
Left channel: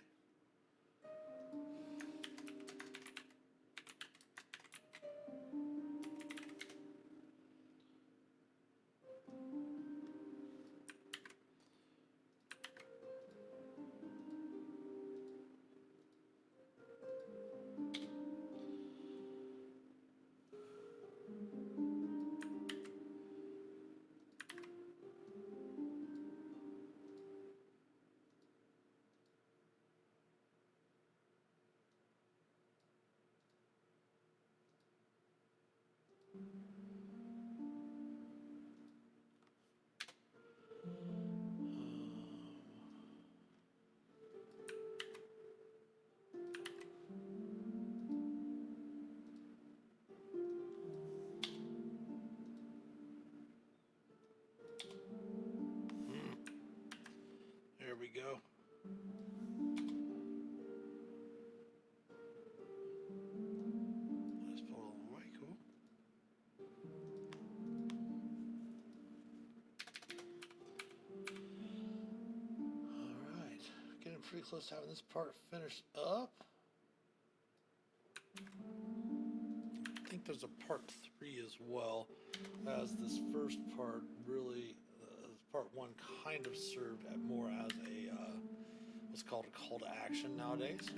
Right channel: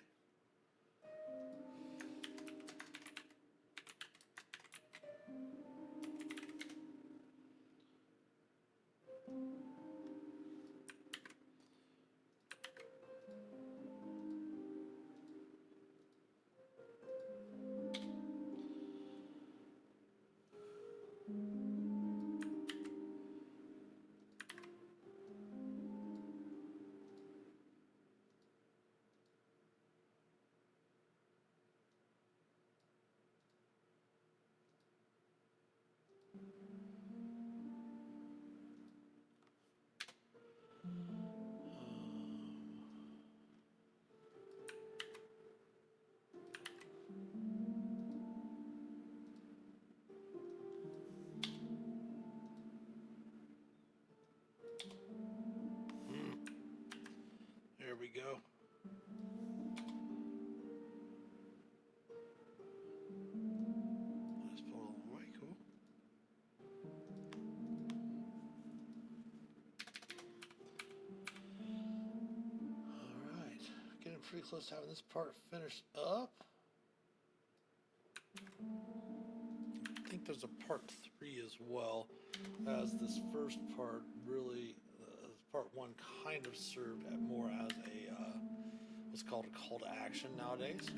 There we go. Let's pull it away. Cool. All right. Getting pretty close to having this part finished up. I think there's a part 3 as well, as this first part really, part 1 kind of served more as a what's called a call to action nowadays.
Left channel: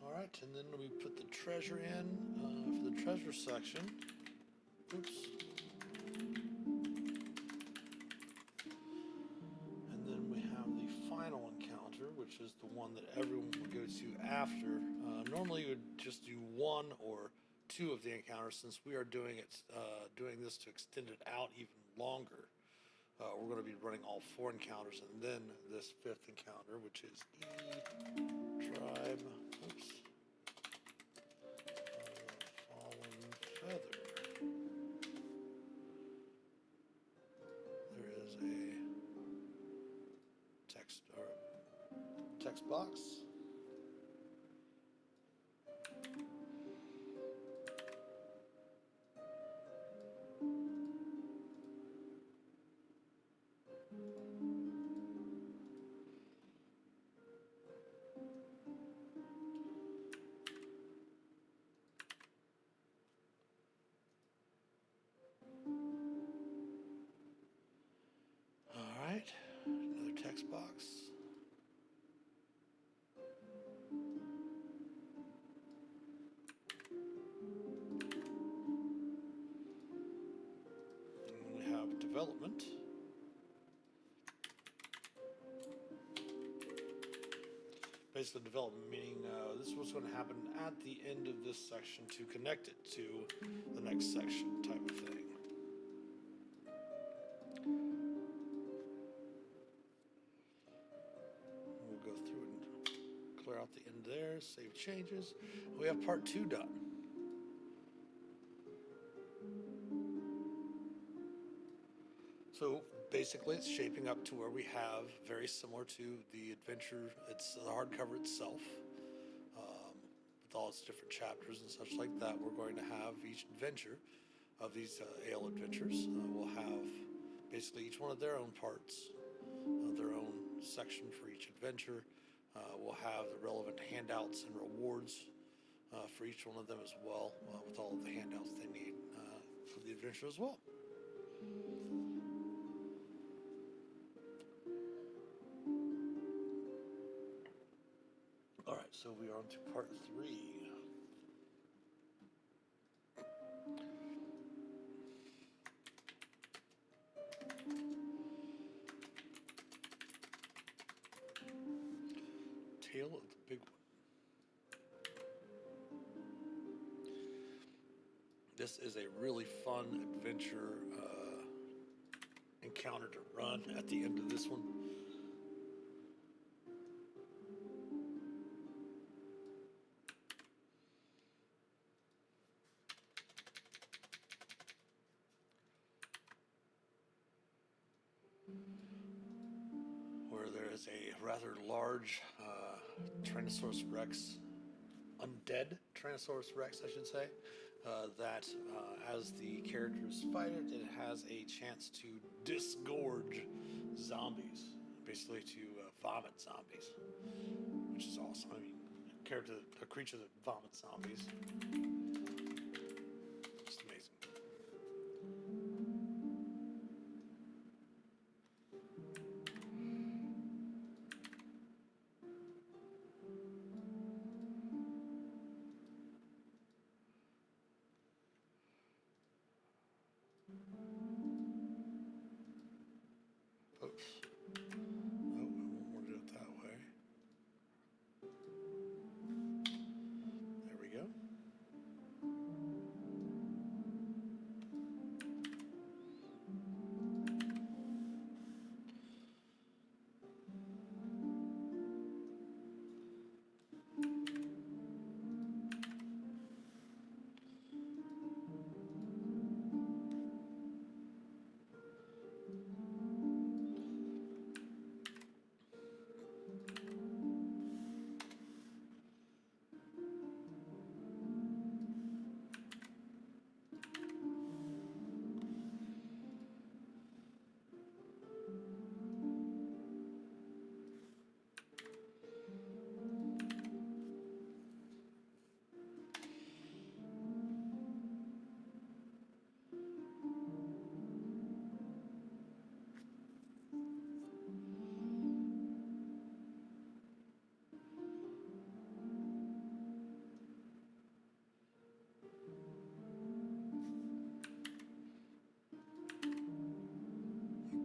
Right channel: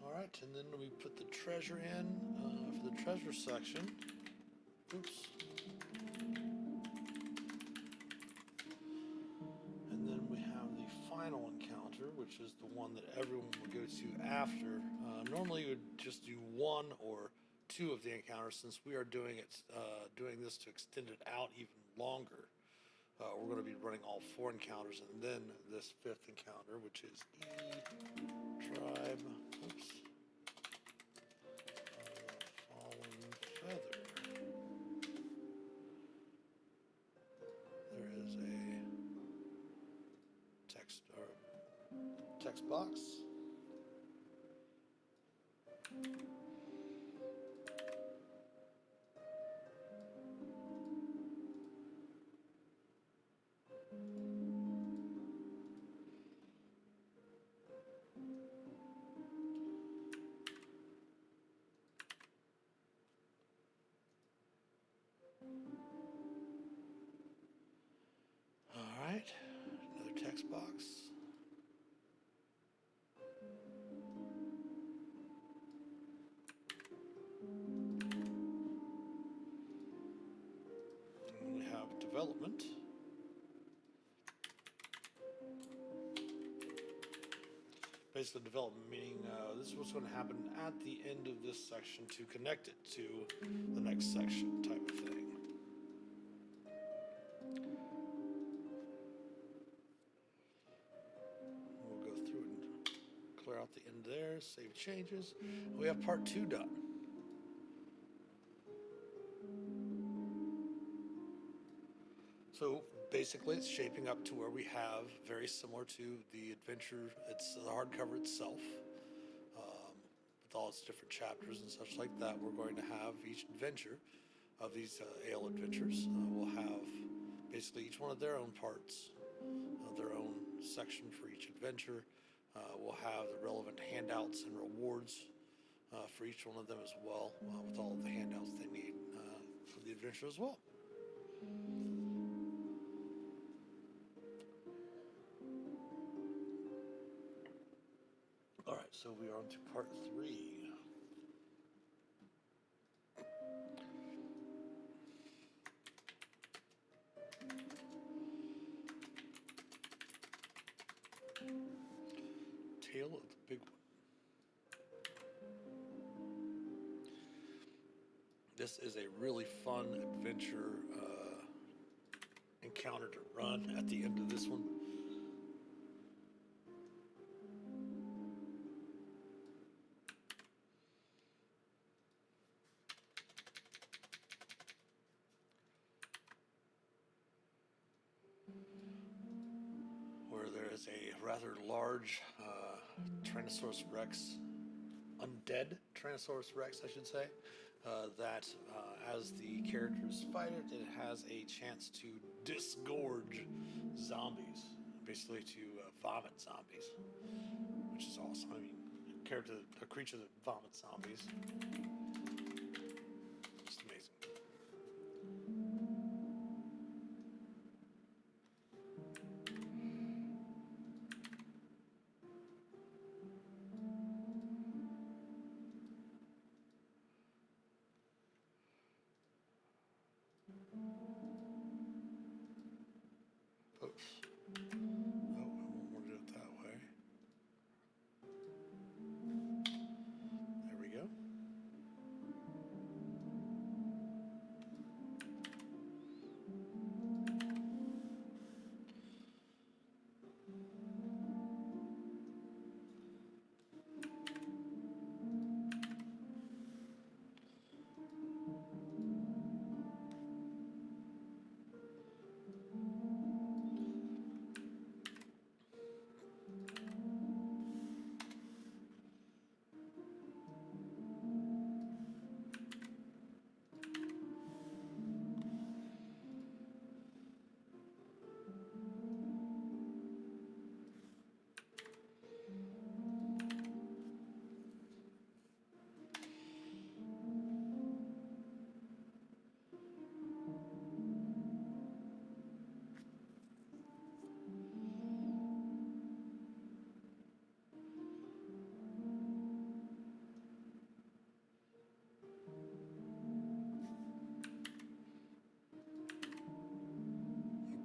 All right, and then we put the treasure in for the treasure section. Oops. And then we have the final encounter, which is the one that everyone would go to after. Normally, you would just do 1 or 2 of the encounters. Since we are doing this to extend it out even longer, we're going to be running all 4 encounters, and then this 5th encounter, which is tribe. Oops. Fallen feather. There is a text box. development. Basically, development meaning this is what's going to happen at the end of this section to connect it to the next section type of thing. We'll go through and clear out the end there, save changes. We have part 2 done. So basically, it's shaping up to where we have very similar to the adventure. It's the hardcover itself, with all its different chapters and such like that. We're going to have each adventure of these ale adventures will have basically each one of their own parts, their own section for each adventure. We'll have the relevant handouts and rewards for each one of them as well, with all of the handouts they need for the adventure as well. All right, so we are on to part 3. Tale of the Big One. This is a really fun adventure encounter to run at the end of this one. Where there is a rather large Tyrannosaurus Rex, undead Tyrannosaurus Rex, I should say, that as the characters fight it, it has a chance to disgorge zombies, basically to vomit zombies, which is awesome. I mean, a creature that vomits zombies, just amazing. Oops. No, I won't want to do it that way. There we go.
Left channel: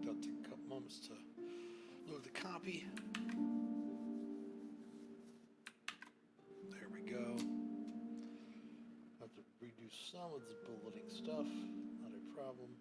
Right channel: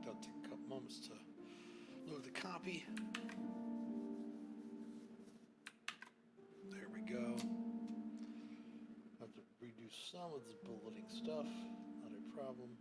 That'll take a couple moments to load the copy. There we go. Have to redo some of the bulleting stuff. Not a problem.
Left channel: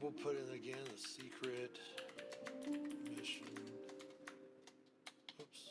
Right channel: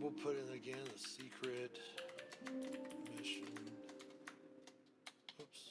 we'll put in again the secret mission. Oops.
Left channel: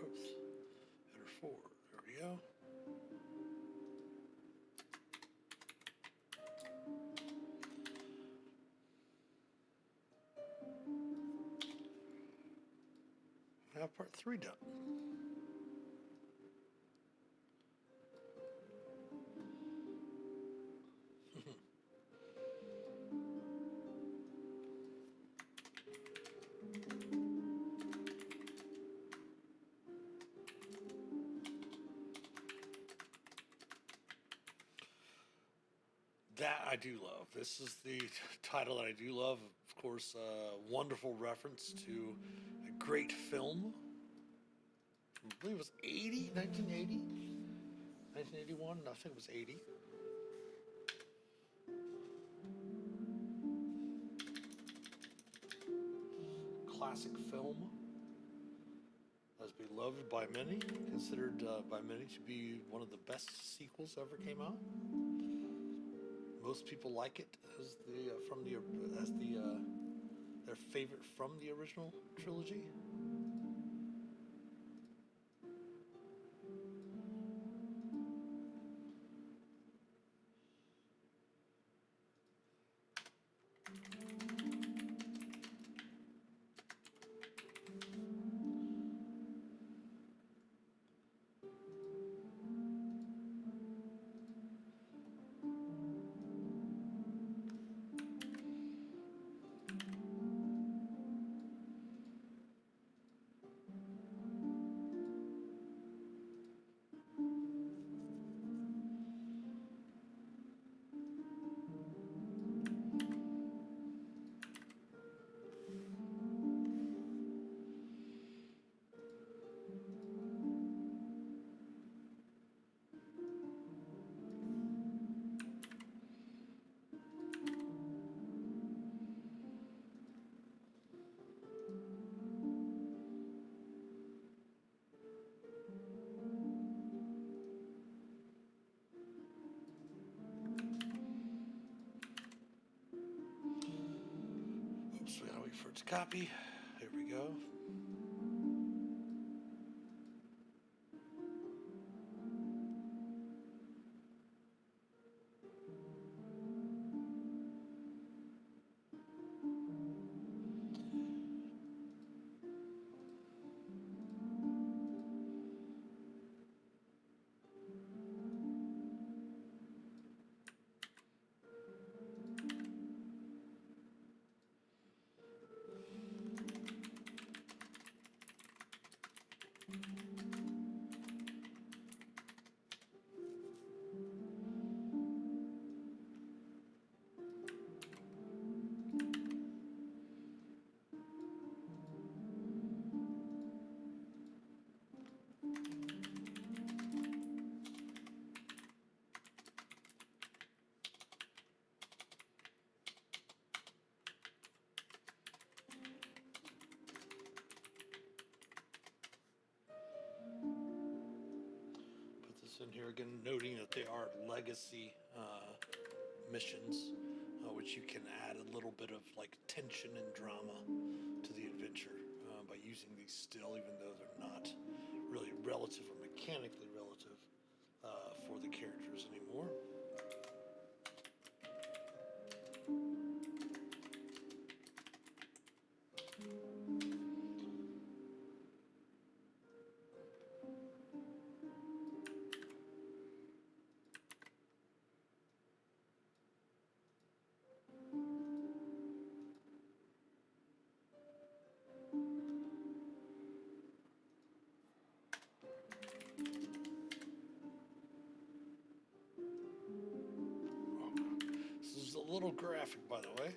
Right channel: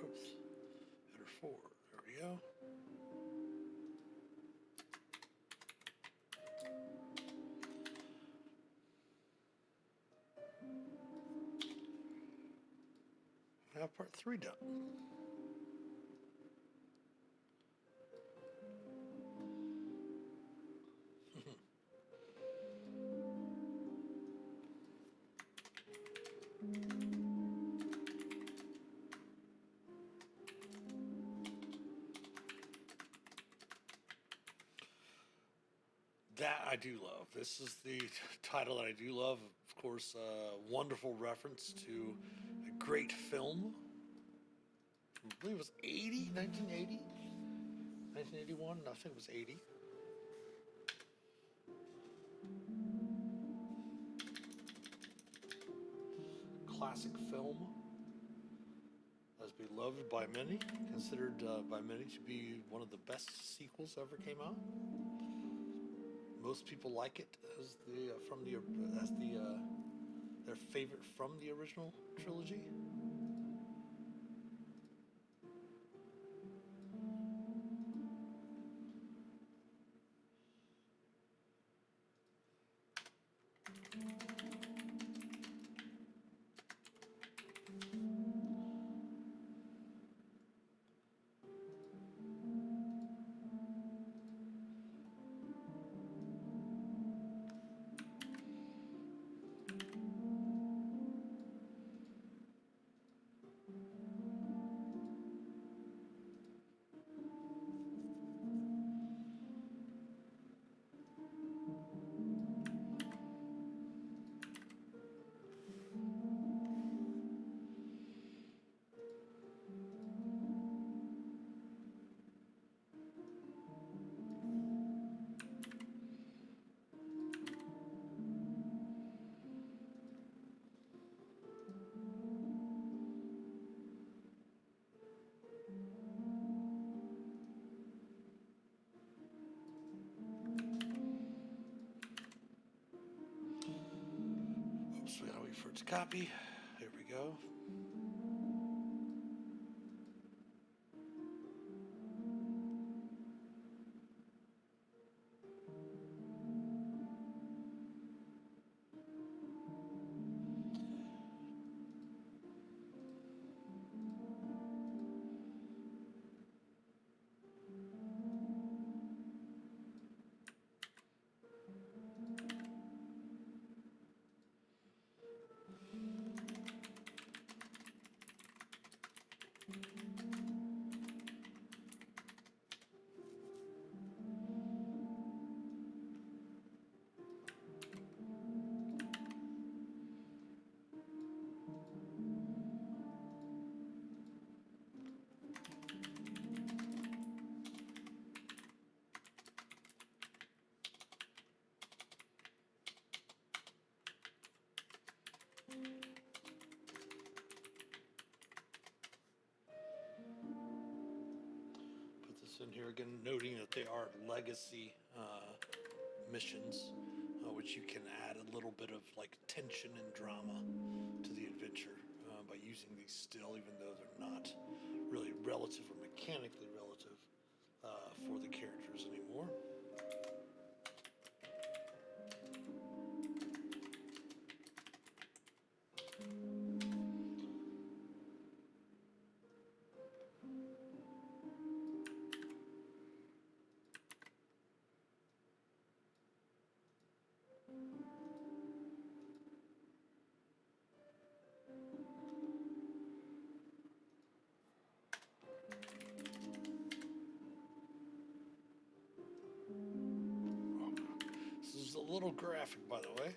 Oops. Header 4. There we go. Now part 3 done. That I do love. This is the title that I do love. Of course, wonderful reference to a great film. I believe it was 1980? 1981? I think it was 80. Classic film. As beloved by many, considered by many to be one of the best sequels ever came out. Most people like it as their favorite from the original trilogy. Oops, we gotta wait for it to copy. There we go. In here again, noting that they are legacy missions, which you can add a little bit of like tension and drama to the adventure by using these still, even though they're not really relative or mechanically relative for the characters anymore. This is a little graphic, by the way.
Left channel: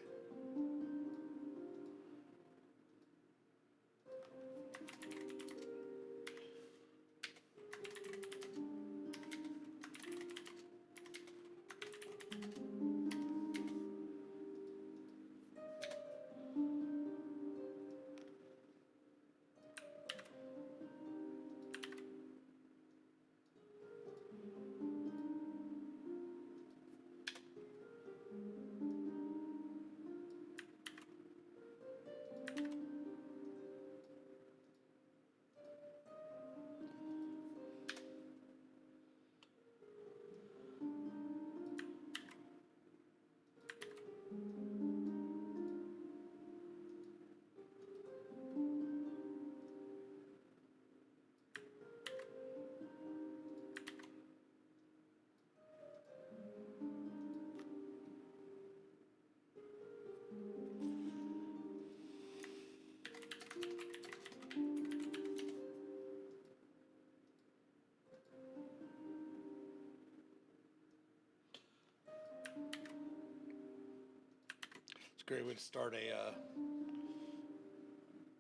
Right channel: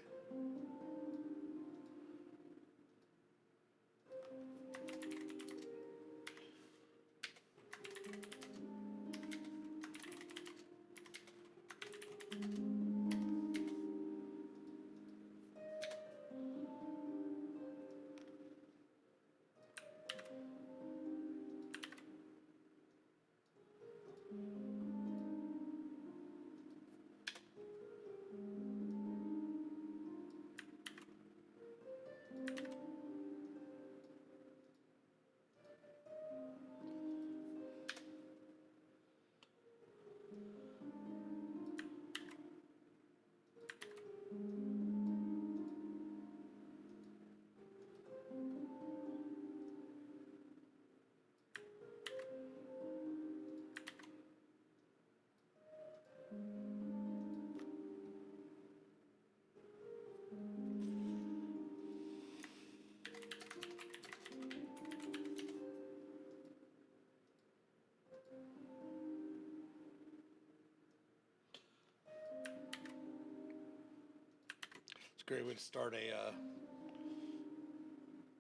a great way to start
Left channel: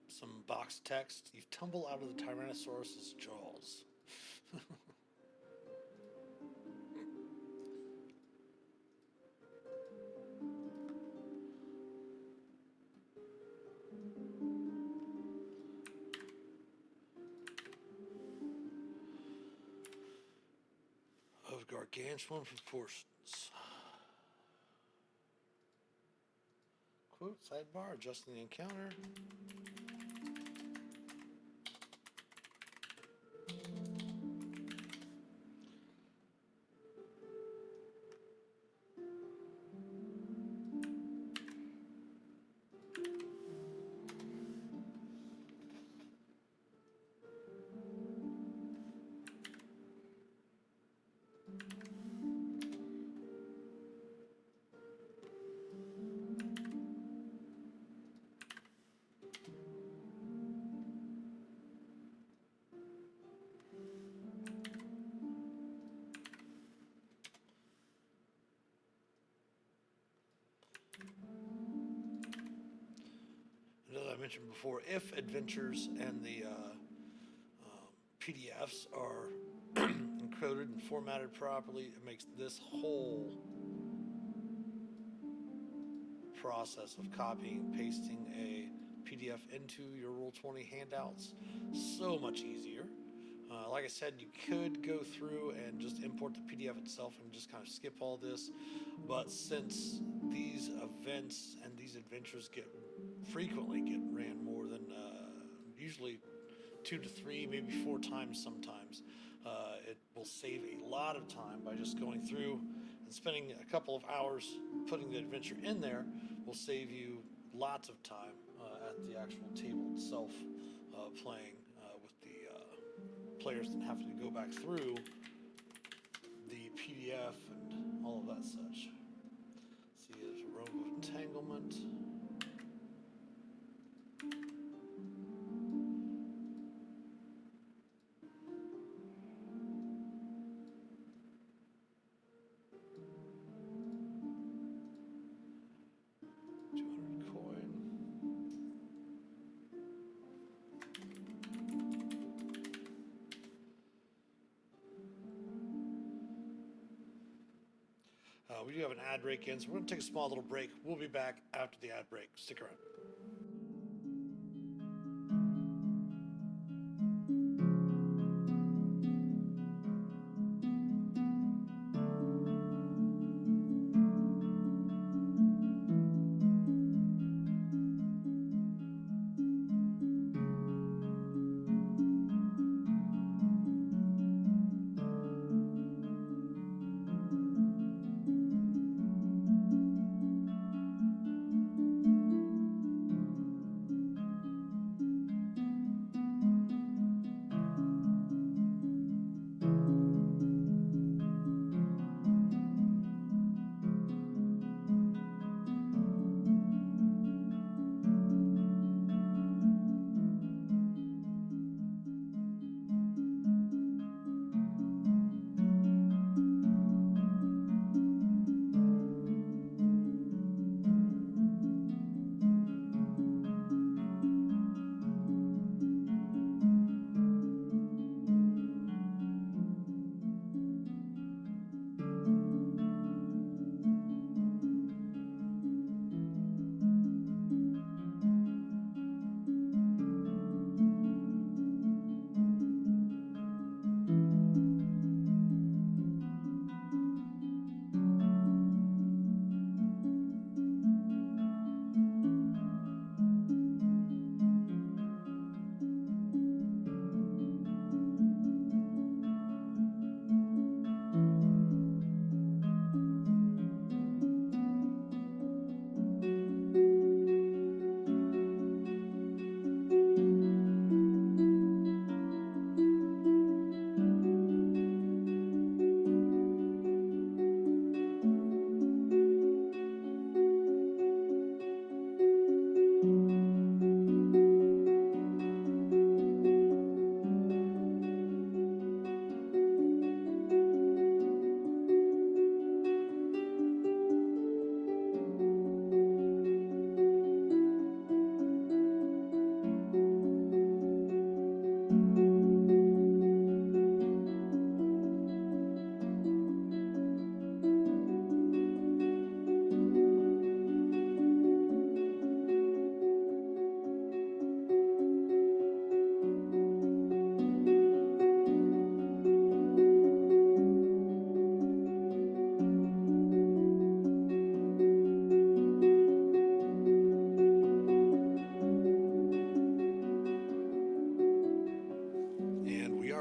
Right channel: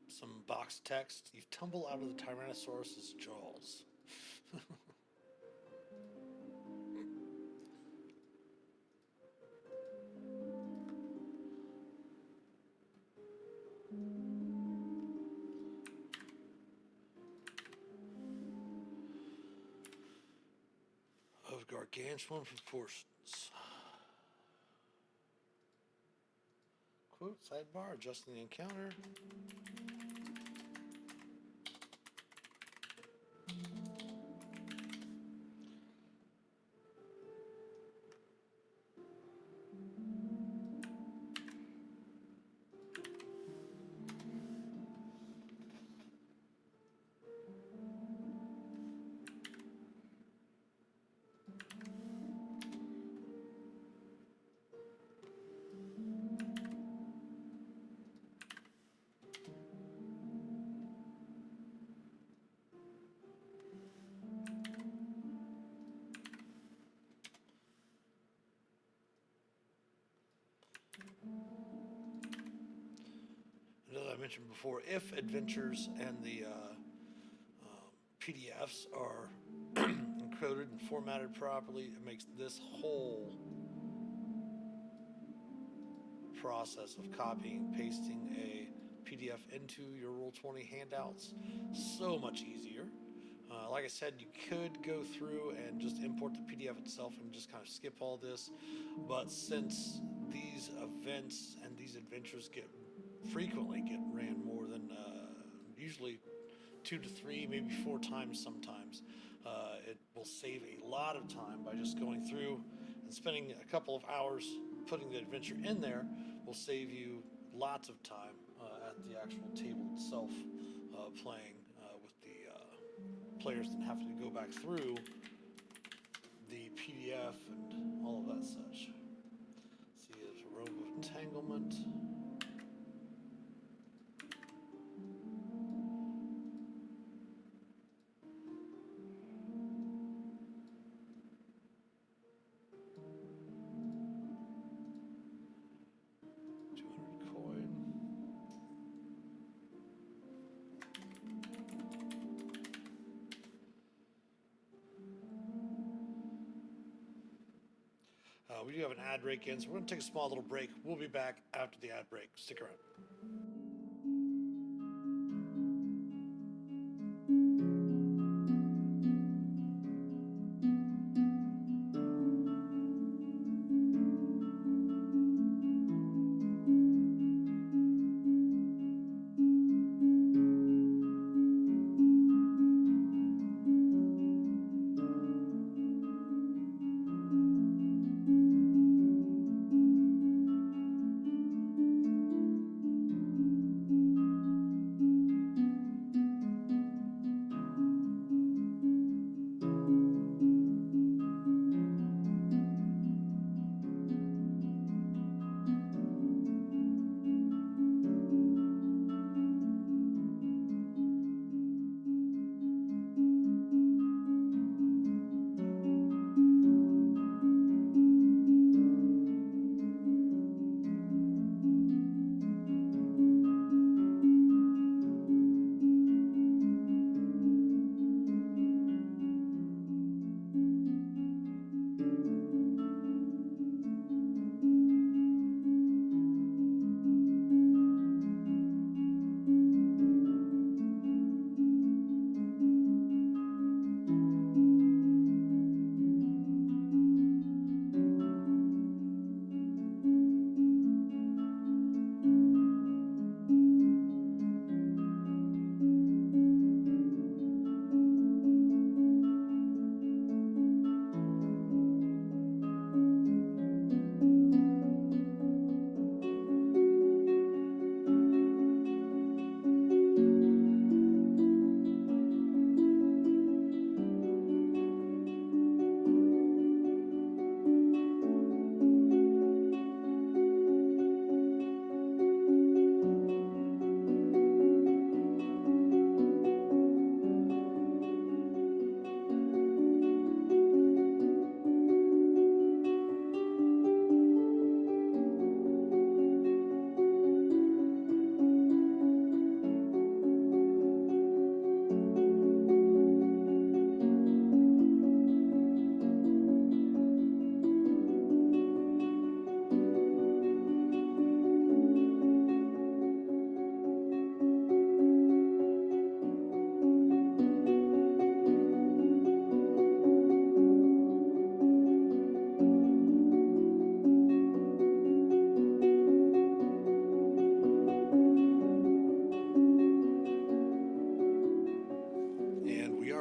some box text. You tumble out of the Tyrannosaurus's jaws. Of gargantuan proportions. Quote, sidebar, adjusting the encounter. And as I mentioned before, if adventures and the PDFs are encoded and formatted properly, it makes this whole process of copying and pasting a PDF into your Roll20 handouts so much easier. Like I said, you could go through and just import the PDF itself and just kind of skip all this, but since these events and these adventures frequently get ran more than usually 2 to 3, maybe 4 times sometimes, it will save a lot of time by just going through and spending a couple of hours putting the adventure in there. Will save you lots of time at the actual table itself, playing with the players and having to go back through the PDF and all of that such. See, there's a robe of entanglement. We do have an ad break in, so we're going to take a small little break. We'll be back after the ad break. Stick around.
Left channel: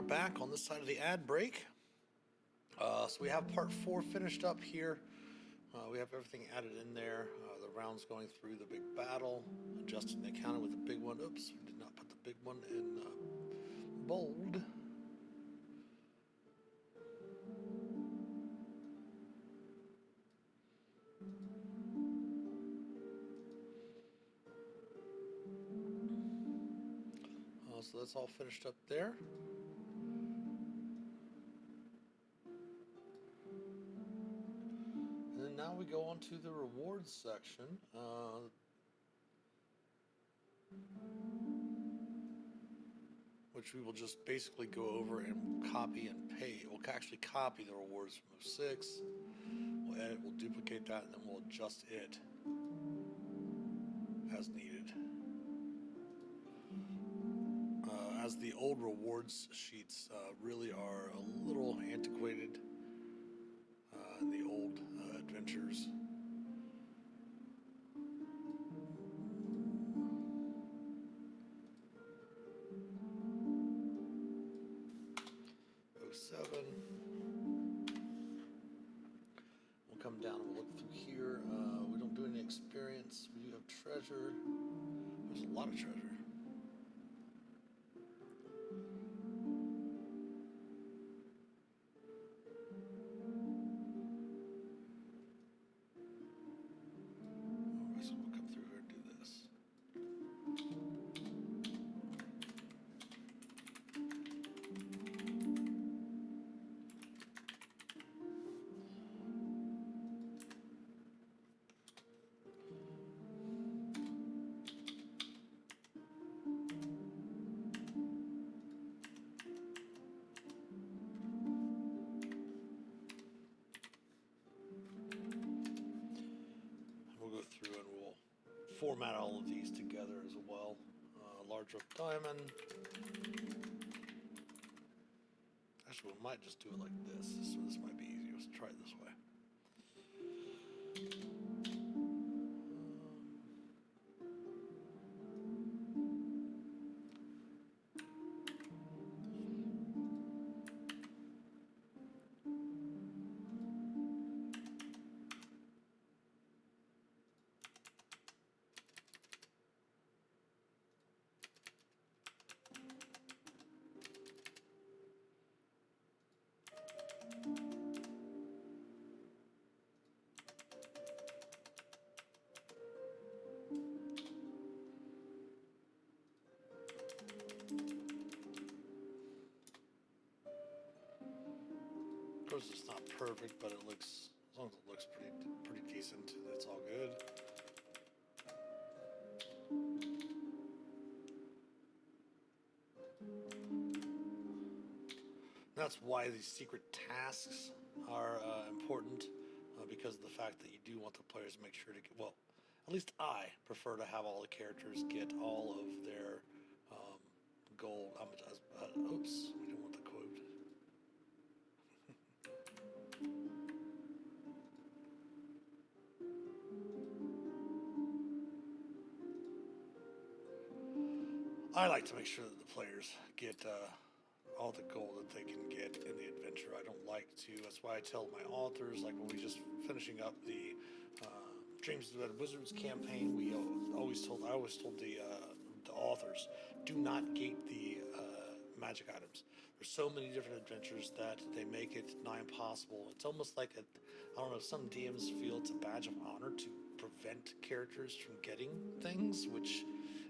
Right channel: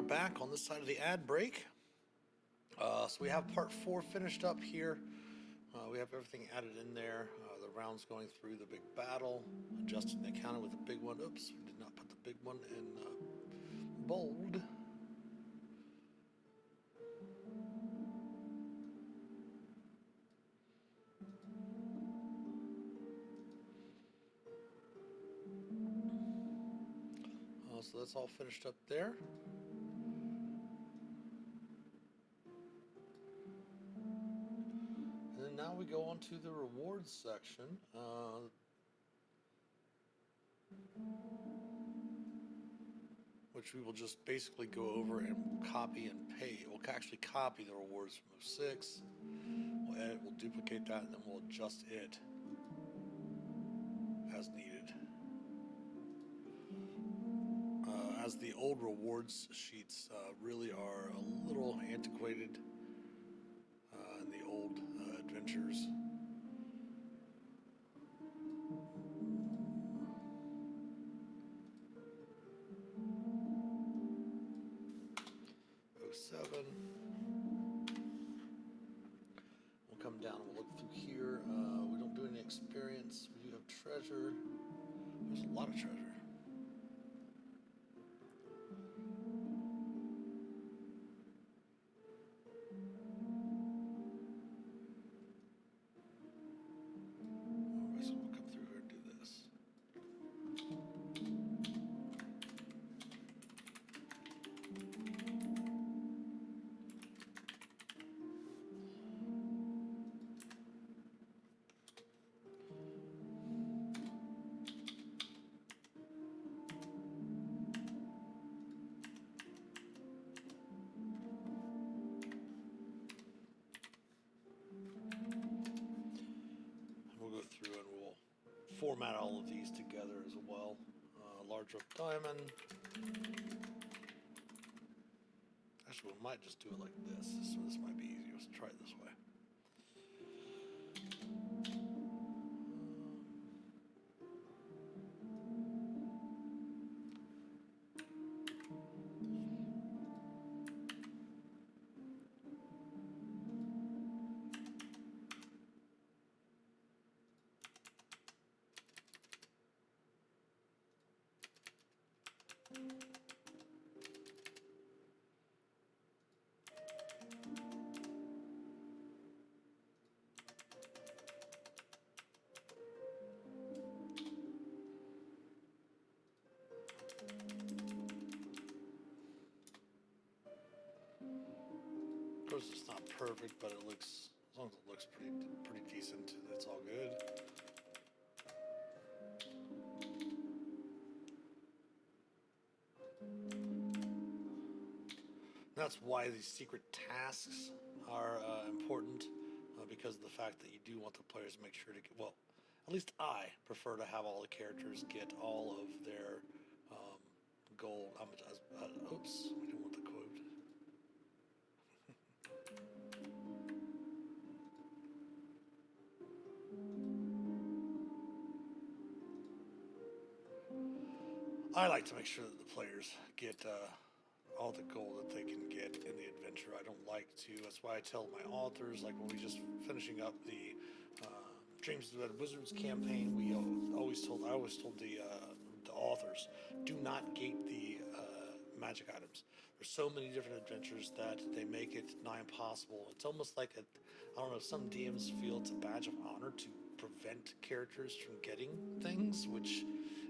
back on this side of the ad break. So we have part 4 finished up here. We have everything added in there. The rounds going through the big battle, adjusting the counter with the big one. Oops, we did not put the big one in bold. So that's all finished up there. And then now we go on to the rewards section. Which we will just basically go over and copy and paste. We'll actually copy the rewards from 06. We'll edit, we'll duplicate that, and then we'll adjust it as needed. As the old rewards sheets really are a little antiquated in the old adventures. '07. We'll come down and we'll look through here. We don't do any experience. We do have treasure. There's a lot of treasure. So we'll come through here and do this. We'll go through and we'll format all of these together as well. Large rough diamond. Actually, we might just do it like this. So this might be easier. Let's try it this way. Of course, it's not perfect, but it looks, as long as it looks pretty decent, that's all good. That's why these secret tasks are important, because of the fact that you do want the players to make sure to get, well, at least I prefer to have all the characters get all of their gold. Oops, we didn't want the quote. I like to make sure that the players get all the gold that they can get in the adventure. I don't like to. That's why I tell my authors, like when we just finishing up the Dreams of the Red Wizards campaign, I always told the authors, do not gate the magic items. There's so many different adventures that they make it nigh impossible. It's almost like I don't know, some DMs feel it's a badge of honor to prevent characters from getting things, which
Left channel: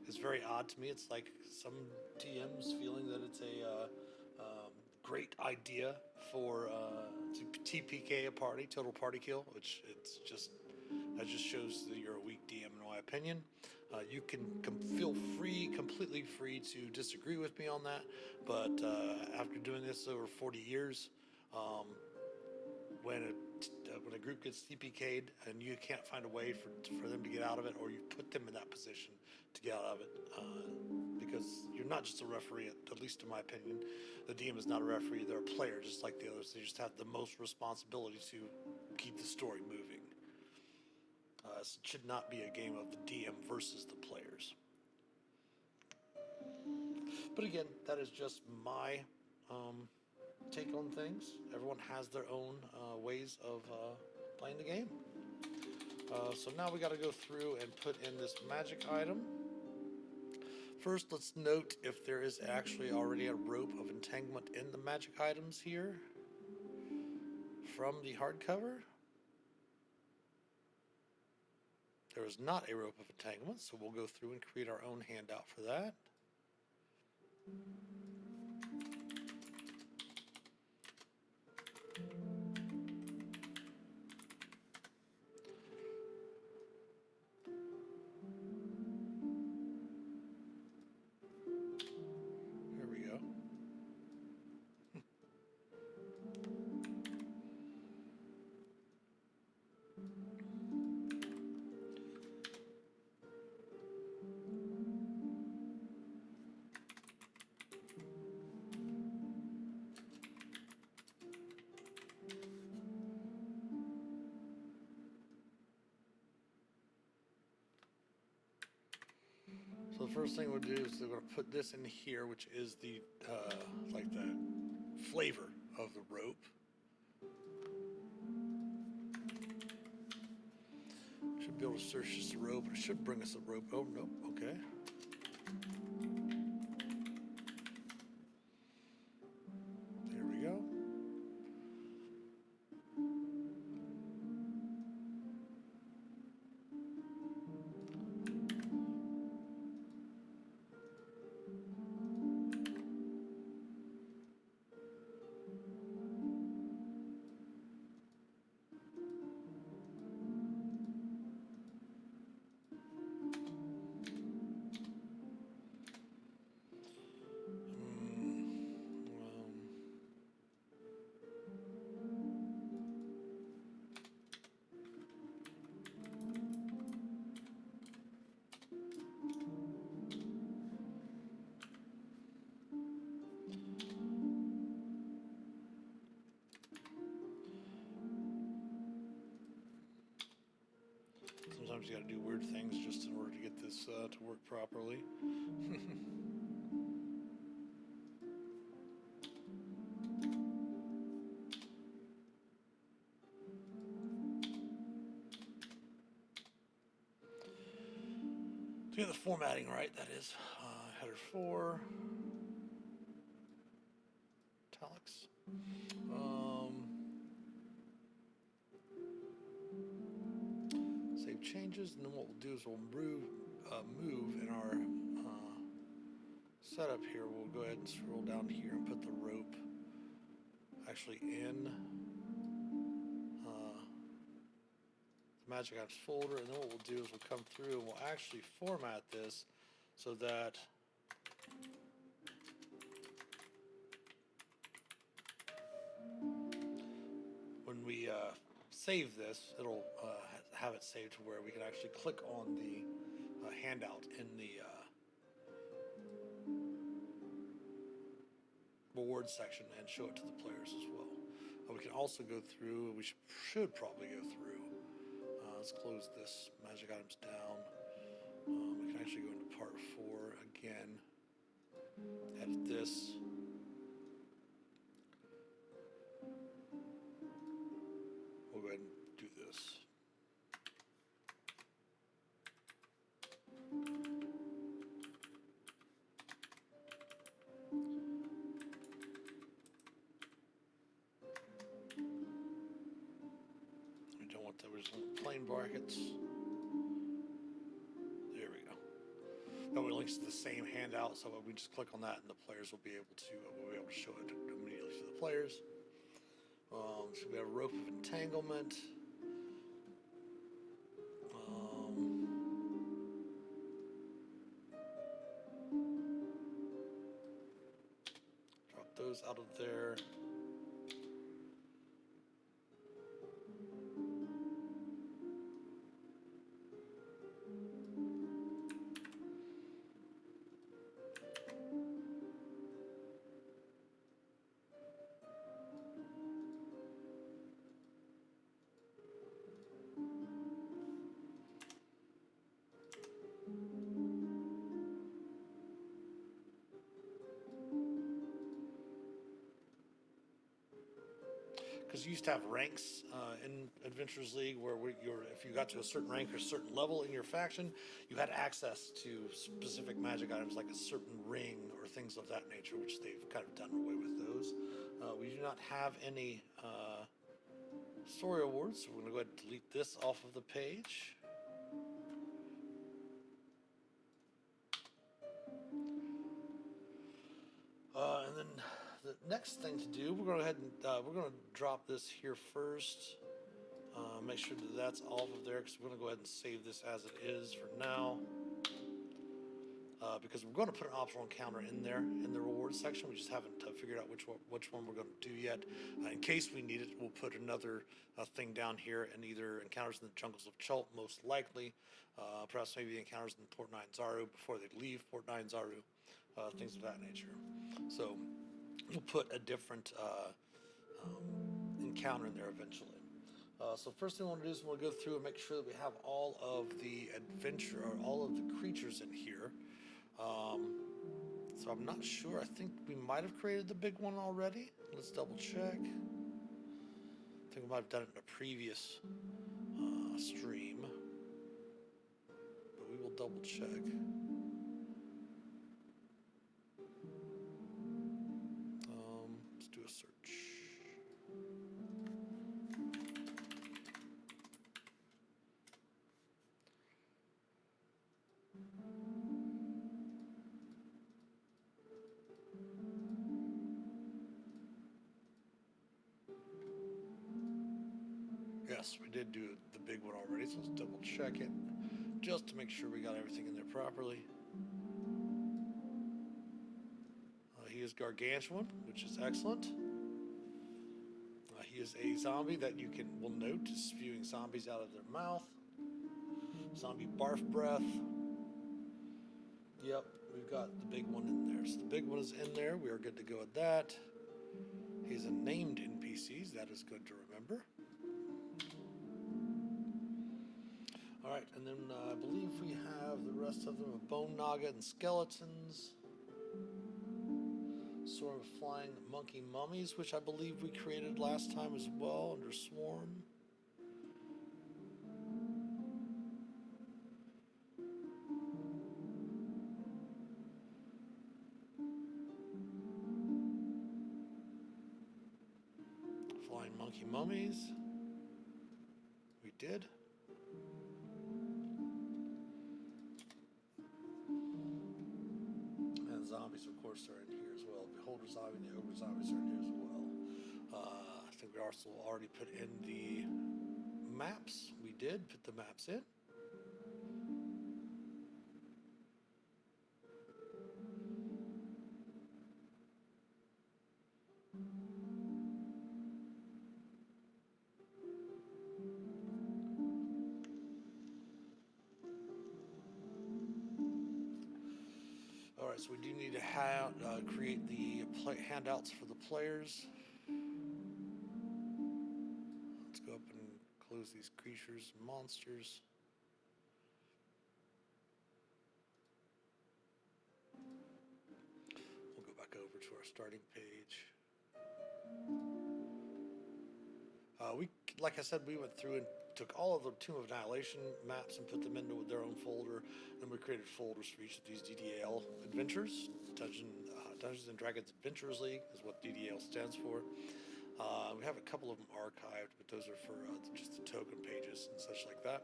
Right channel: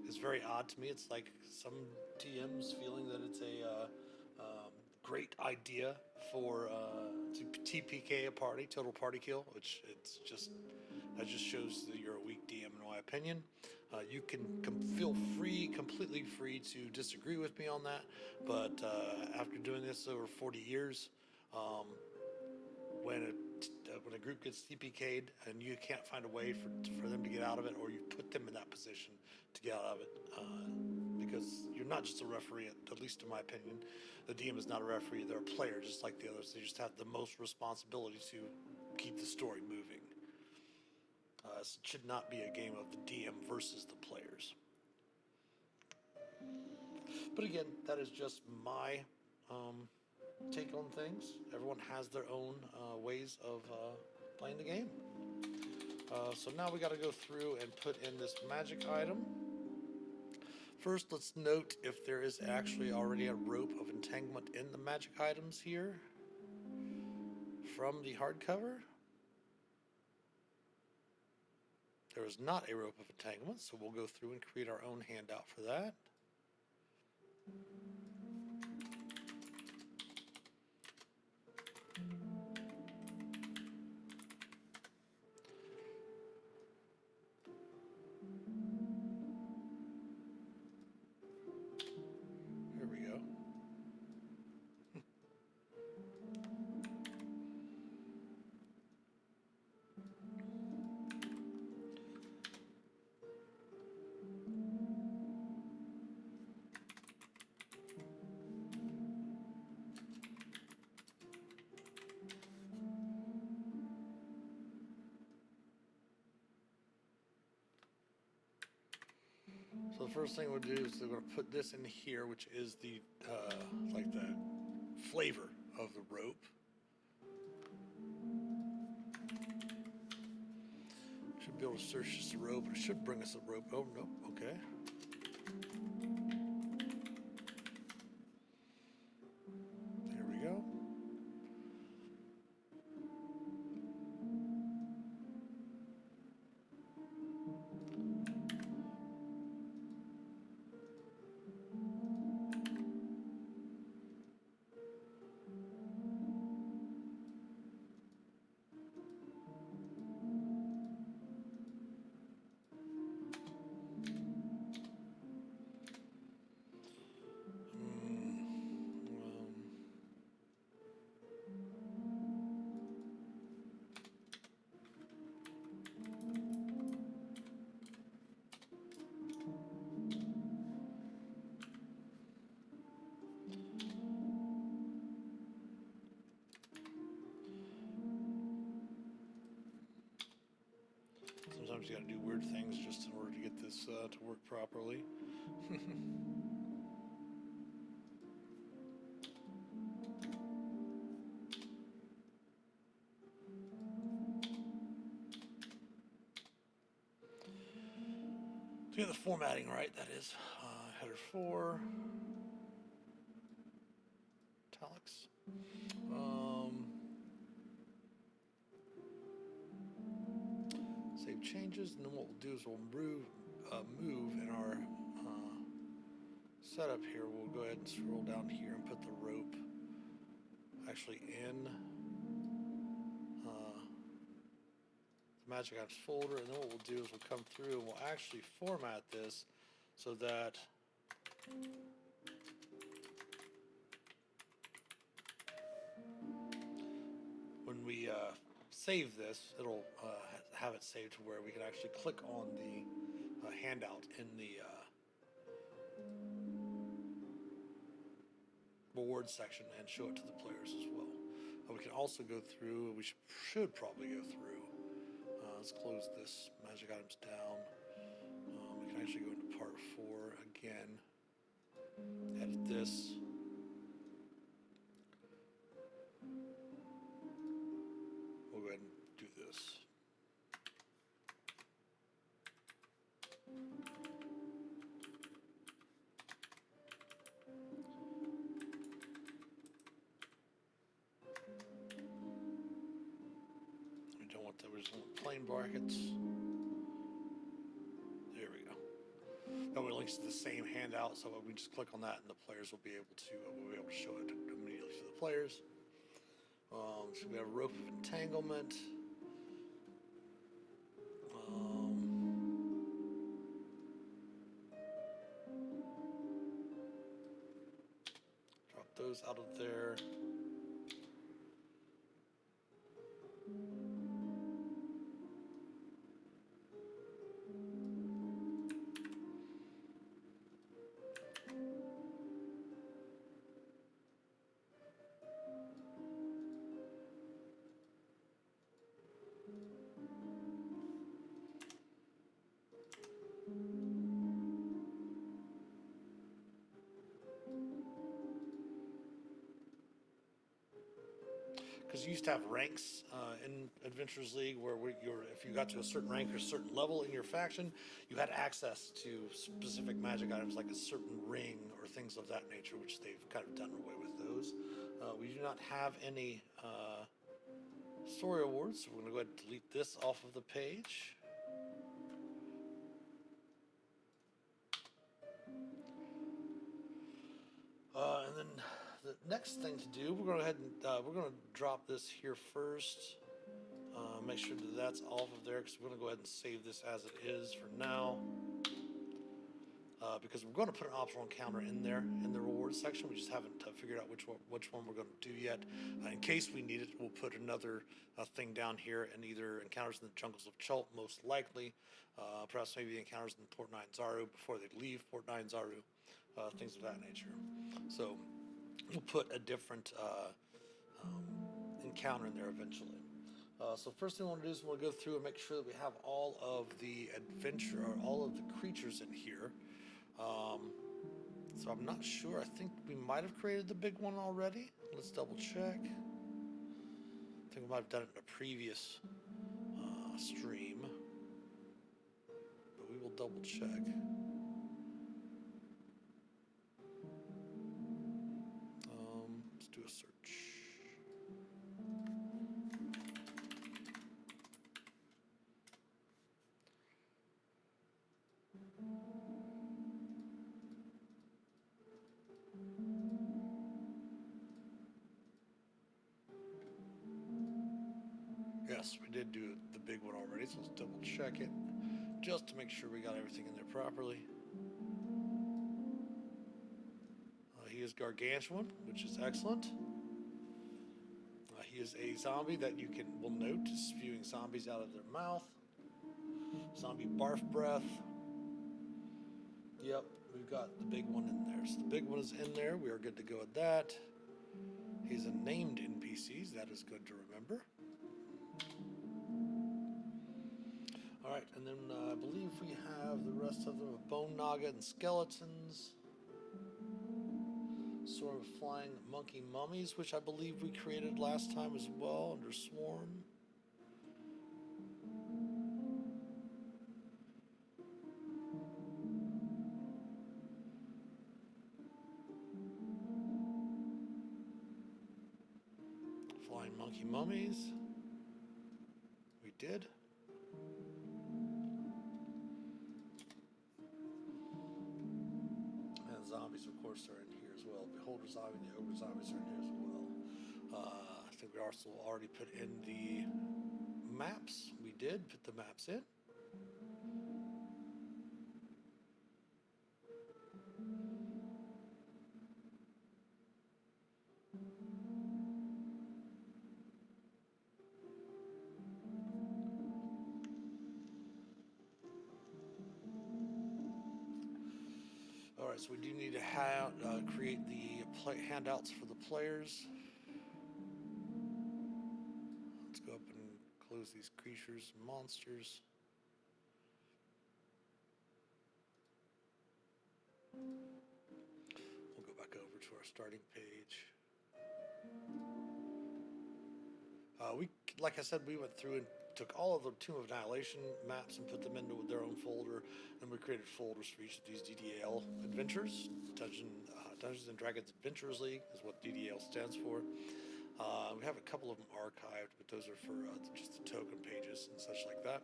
is very odd to me. It's like some DMs feeling that it's a great idea for to TPK a party, total party kill, which that just shows that you're a weak DM in my opinion. You can feel completely free to disagree with me on that, but after doing this over 40 years, when a group gets TPK'd and you can't find a way for them to get out of it, or you put them in that position to get out of it, because you're not just a referee, at least in my opinion. The DM is not a referee, they're a player just like the others. They just have the most responsibility to keep the story moving. It should not be a game of the DM versus the players. But again, that is just my take on things. Everyone has their own ways of playing the game. So now we got to go through and put in this magic item. First, let's note if there is actually already a rope of entanglement in the magic items here from the hardcover. There is not a rope of entanglement, so we'll go through and create our own handout for that. Here we go. So the first thing we'll do is we're going to put this in here, which is the like the flavor of the rope. Should be able to search just the rope. It should bring us a rope. Oh, nope. Okay. There we go. Sometimes you got to do weird things just in order to get this to work properly. To get the formatting right, that is. Header 4. Italics. Save changes, and then what we'll do is we'll move in our setup here. We'll go ahead and scroll down here and put the rope actually in the Magic Apps folder, and then what we'll do is we'll come through and we'll actually format this so that when we save this, it'll have it saved to where we can actually click on the handout in the reward section and show it to the players as well. We can also go through, we should probably go through, let's close this magic items down. We can actually go into part 4 again, edit this. We'll go ahead and do this. We don't want that, we just want plain brackets. There we go. That way it links to the same handout, so we just click on that and the players will be able to show it immediately to the players. So we have rope of entanglement. Drop those out of there. used to have ranks in Adventurers League where if you got to a certain rank or a certain level in your faction, you had access to specific magic items like a certain ring or things of that nature, which they've kind of done away with those. We do not have any story awards, so we're going to go ahead and delete this off of the page. And then the next thing to do, we're going to go ahead and we're going to drop this here first. Make sure that that's off of there because we're going to go ahead and save this as it is for now. Because we're going to put an optional encounter in there in the rewards section. We just haven't figured out which one we're going to do yet. In case we need it, we'll put another thing down here, and either encounters in the jungles of Chult, most likely. Perhaps maybe the encounters in Port Nine-Zaru before they leave Port Nine-Zaru, things of that nature. So we'll put a different encounter in there eventually. So first thing I want to do is we'll go through and make sure that we have all of the all of the creatures in here. So I'm not sure. I think we might have created the big one already. Let's double check. I think we might have done it in a previous stream, but we will double check. Let's do a search. Yes, we did do the big one already, so let's double check it just to make sure we got everything in there properly. He is gargantuan, which is excellent. He is a zombie that will note is spewing zombies out of their mouth. Zombie barf breath. Yep, we've got the big one in there. So the big one is in there. We are good to go with that. He's a named NPCs. That is good to remember. All right, and then I believe we have the rest of them of Bone Naga and Skeletons. Sort of flying monkey mummies, which I believe we created last time as well under Swarm. Flying monkey mummies. We did. And zombies, of course, are in here as well. Beholder zombie and the ogre zombies are in here as well. I think we also already put in the maps. We did put the maps in. All right, so we do need to create the handouts for the players. Let's go up and close these creatures and monsters. We'll go back over to our starting page. Like I said, we went through and took all of the Tomb of Annihilation maps and put them into their own folder, and we created folders for each of these DDAL adventures. Dungeons and Dragons Adventurers League is what DDAL stands for. We have a couple of them archived, but those are for just the token pages and such like that.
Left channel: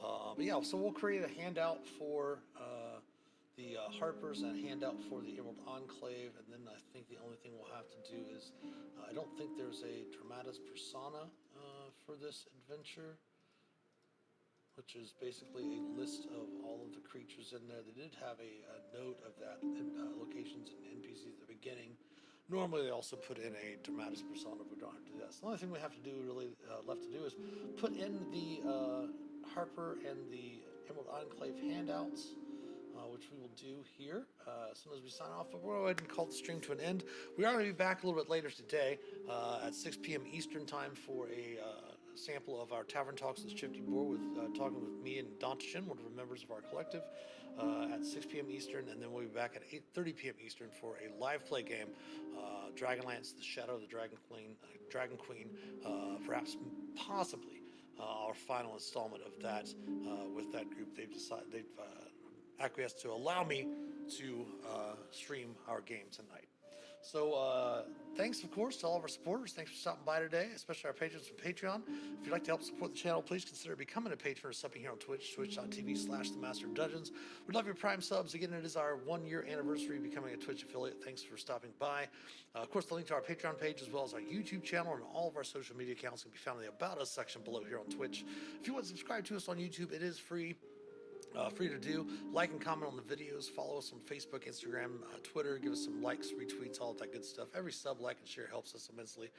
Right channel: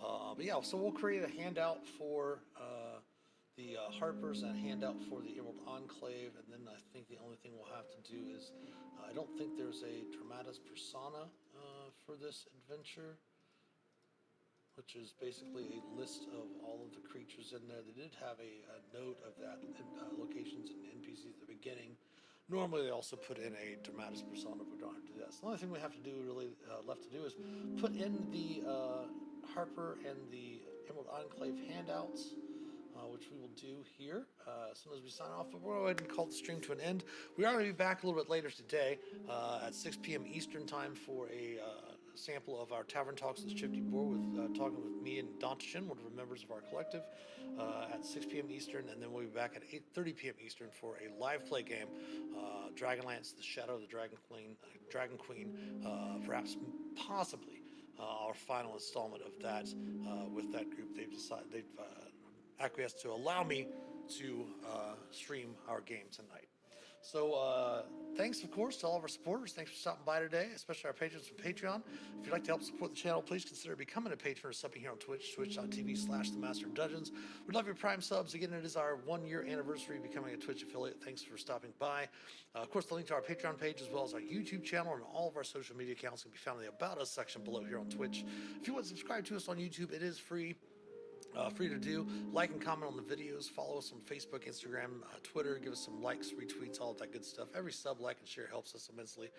But yeah, so we'll create a handout for the Harpers and a handout for the Emerald Enclave, and then I think the only thing we'll have to do is, I don't think there's a Dramatis Persona for this adventure, which is basically a list of all of the creatures in there. They did have a note of that locations and NPCs at the beginning. Normally they also put in a Dramatis Persona, but we don't have to do that. So the only thing we have to do really left to do is put in the Harper and the Emerald Enclave handouts. which we will do here as soon as we sign off. But we'll go ahead and call the stream to an end. We are going to be back a little bit later today at 6 p.m. Eastern time for a sample of our Tavern Talks with Shifty Boar, with talking with me and Dantashin, one of the members of our collective, at 6 p.m. Eastern, and then we'll be back at 8:30 p.m. Eastern for a live play game, Dragonlance: The Shadow of the Dragon Queen, perhaps possibly our final installment of that with that group. They've acquiesced to allow me to stream our game tonight. So thanks, of course, to all of our supporters. Thanks for stopping by today, especially our patrons from Patreon. If you'd like to help support the channel, please consider becoming a patron or subbing here on Twitch, twitch.tv/themasterofdungeons. We'd love your Prime subs. Again, it is our 1-year anniversary becoming a Twitch affiliate. Thanks for stopping by. Of course, the link to our Patreon page, as well as our YouTube channel and all of our social media accounts, can be found in the About Us section below here on Twitch. If you want to subscribe to us on YouTube, it is free. Free to do. Like and comment on the videos. Follow us on Facebook, Instagram, Twitter. Give us some likes, retweets, all of that good stuff. Every sub, like, and share helps us immensely.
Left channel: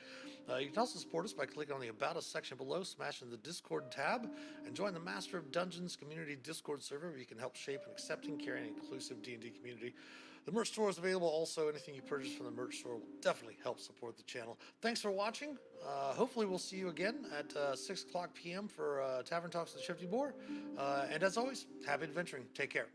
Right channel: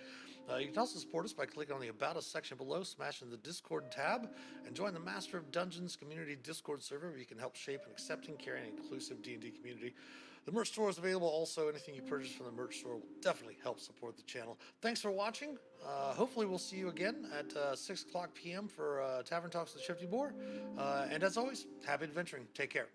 You can also support us by clicking on the About Us section below, smashing the Discord tab, and join the Master of Dungeons community Discord server, where you can help shape an accepting, caring, and inclusive D&D community. The merch store is available also. Anything you purchase from the merch store will definitely help support the channel. Thanks for watching. Hopefully we'll see you again at 6 o'clock p.m. for Tavern Talks with Shifty Boar. And as always, happy adventuring. Take care.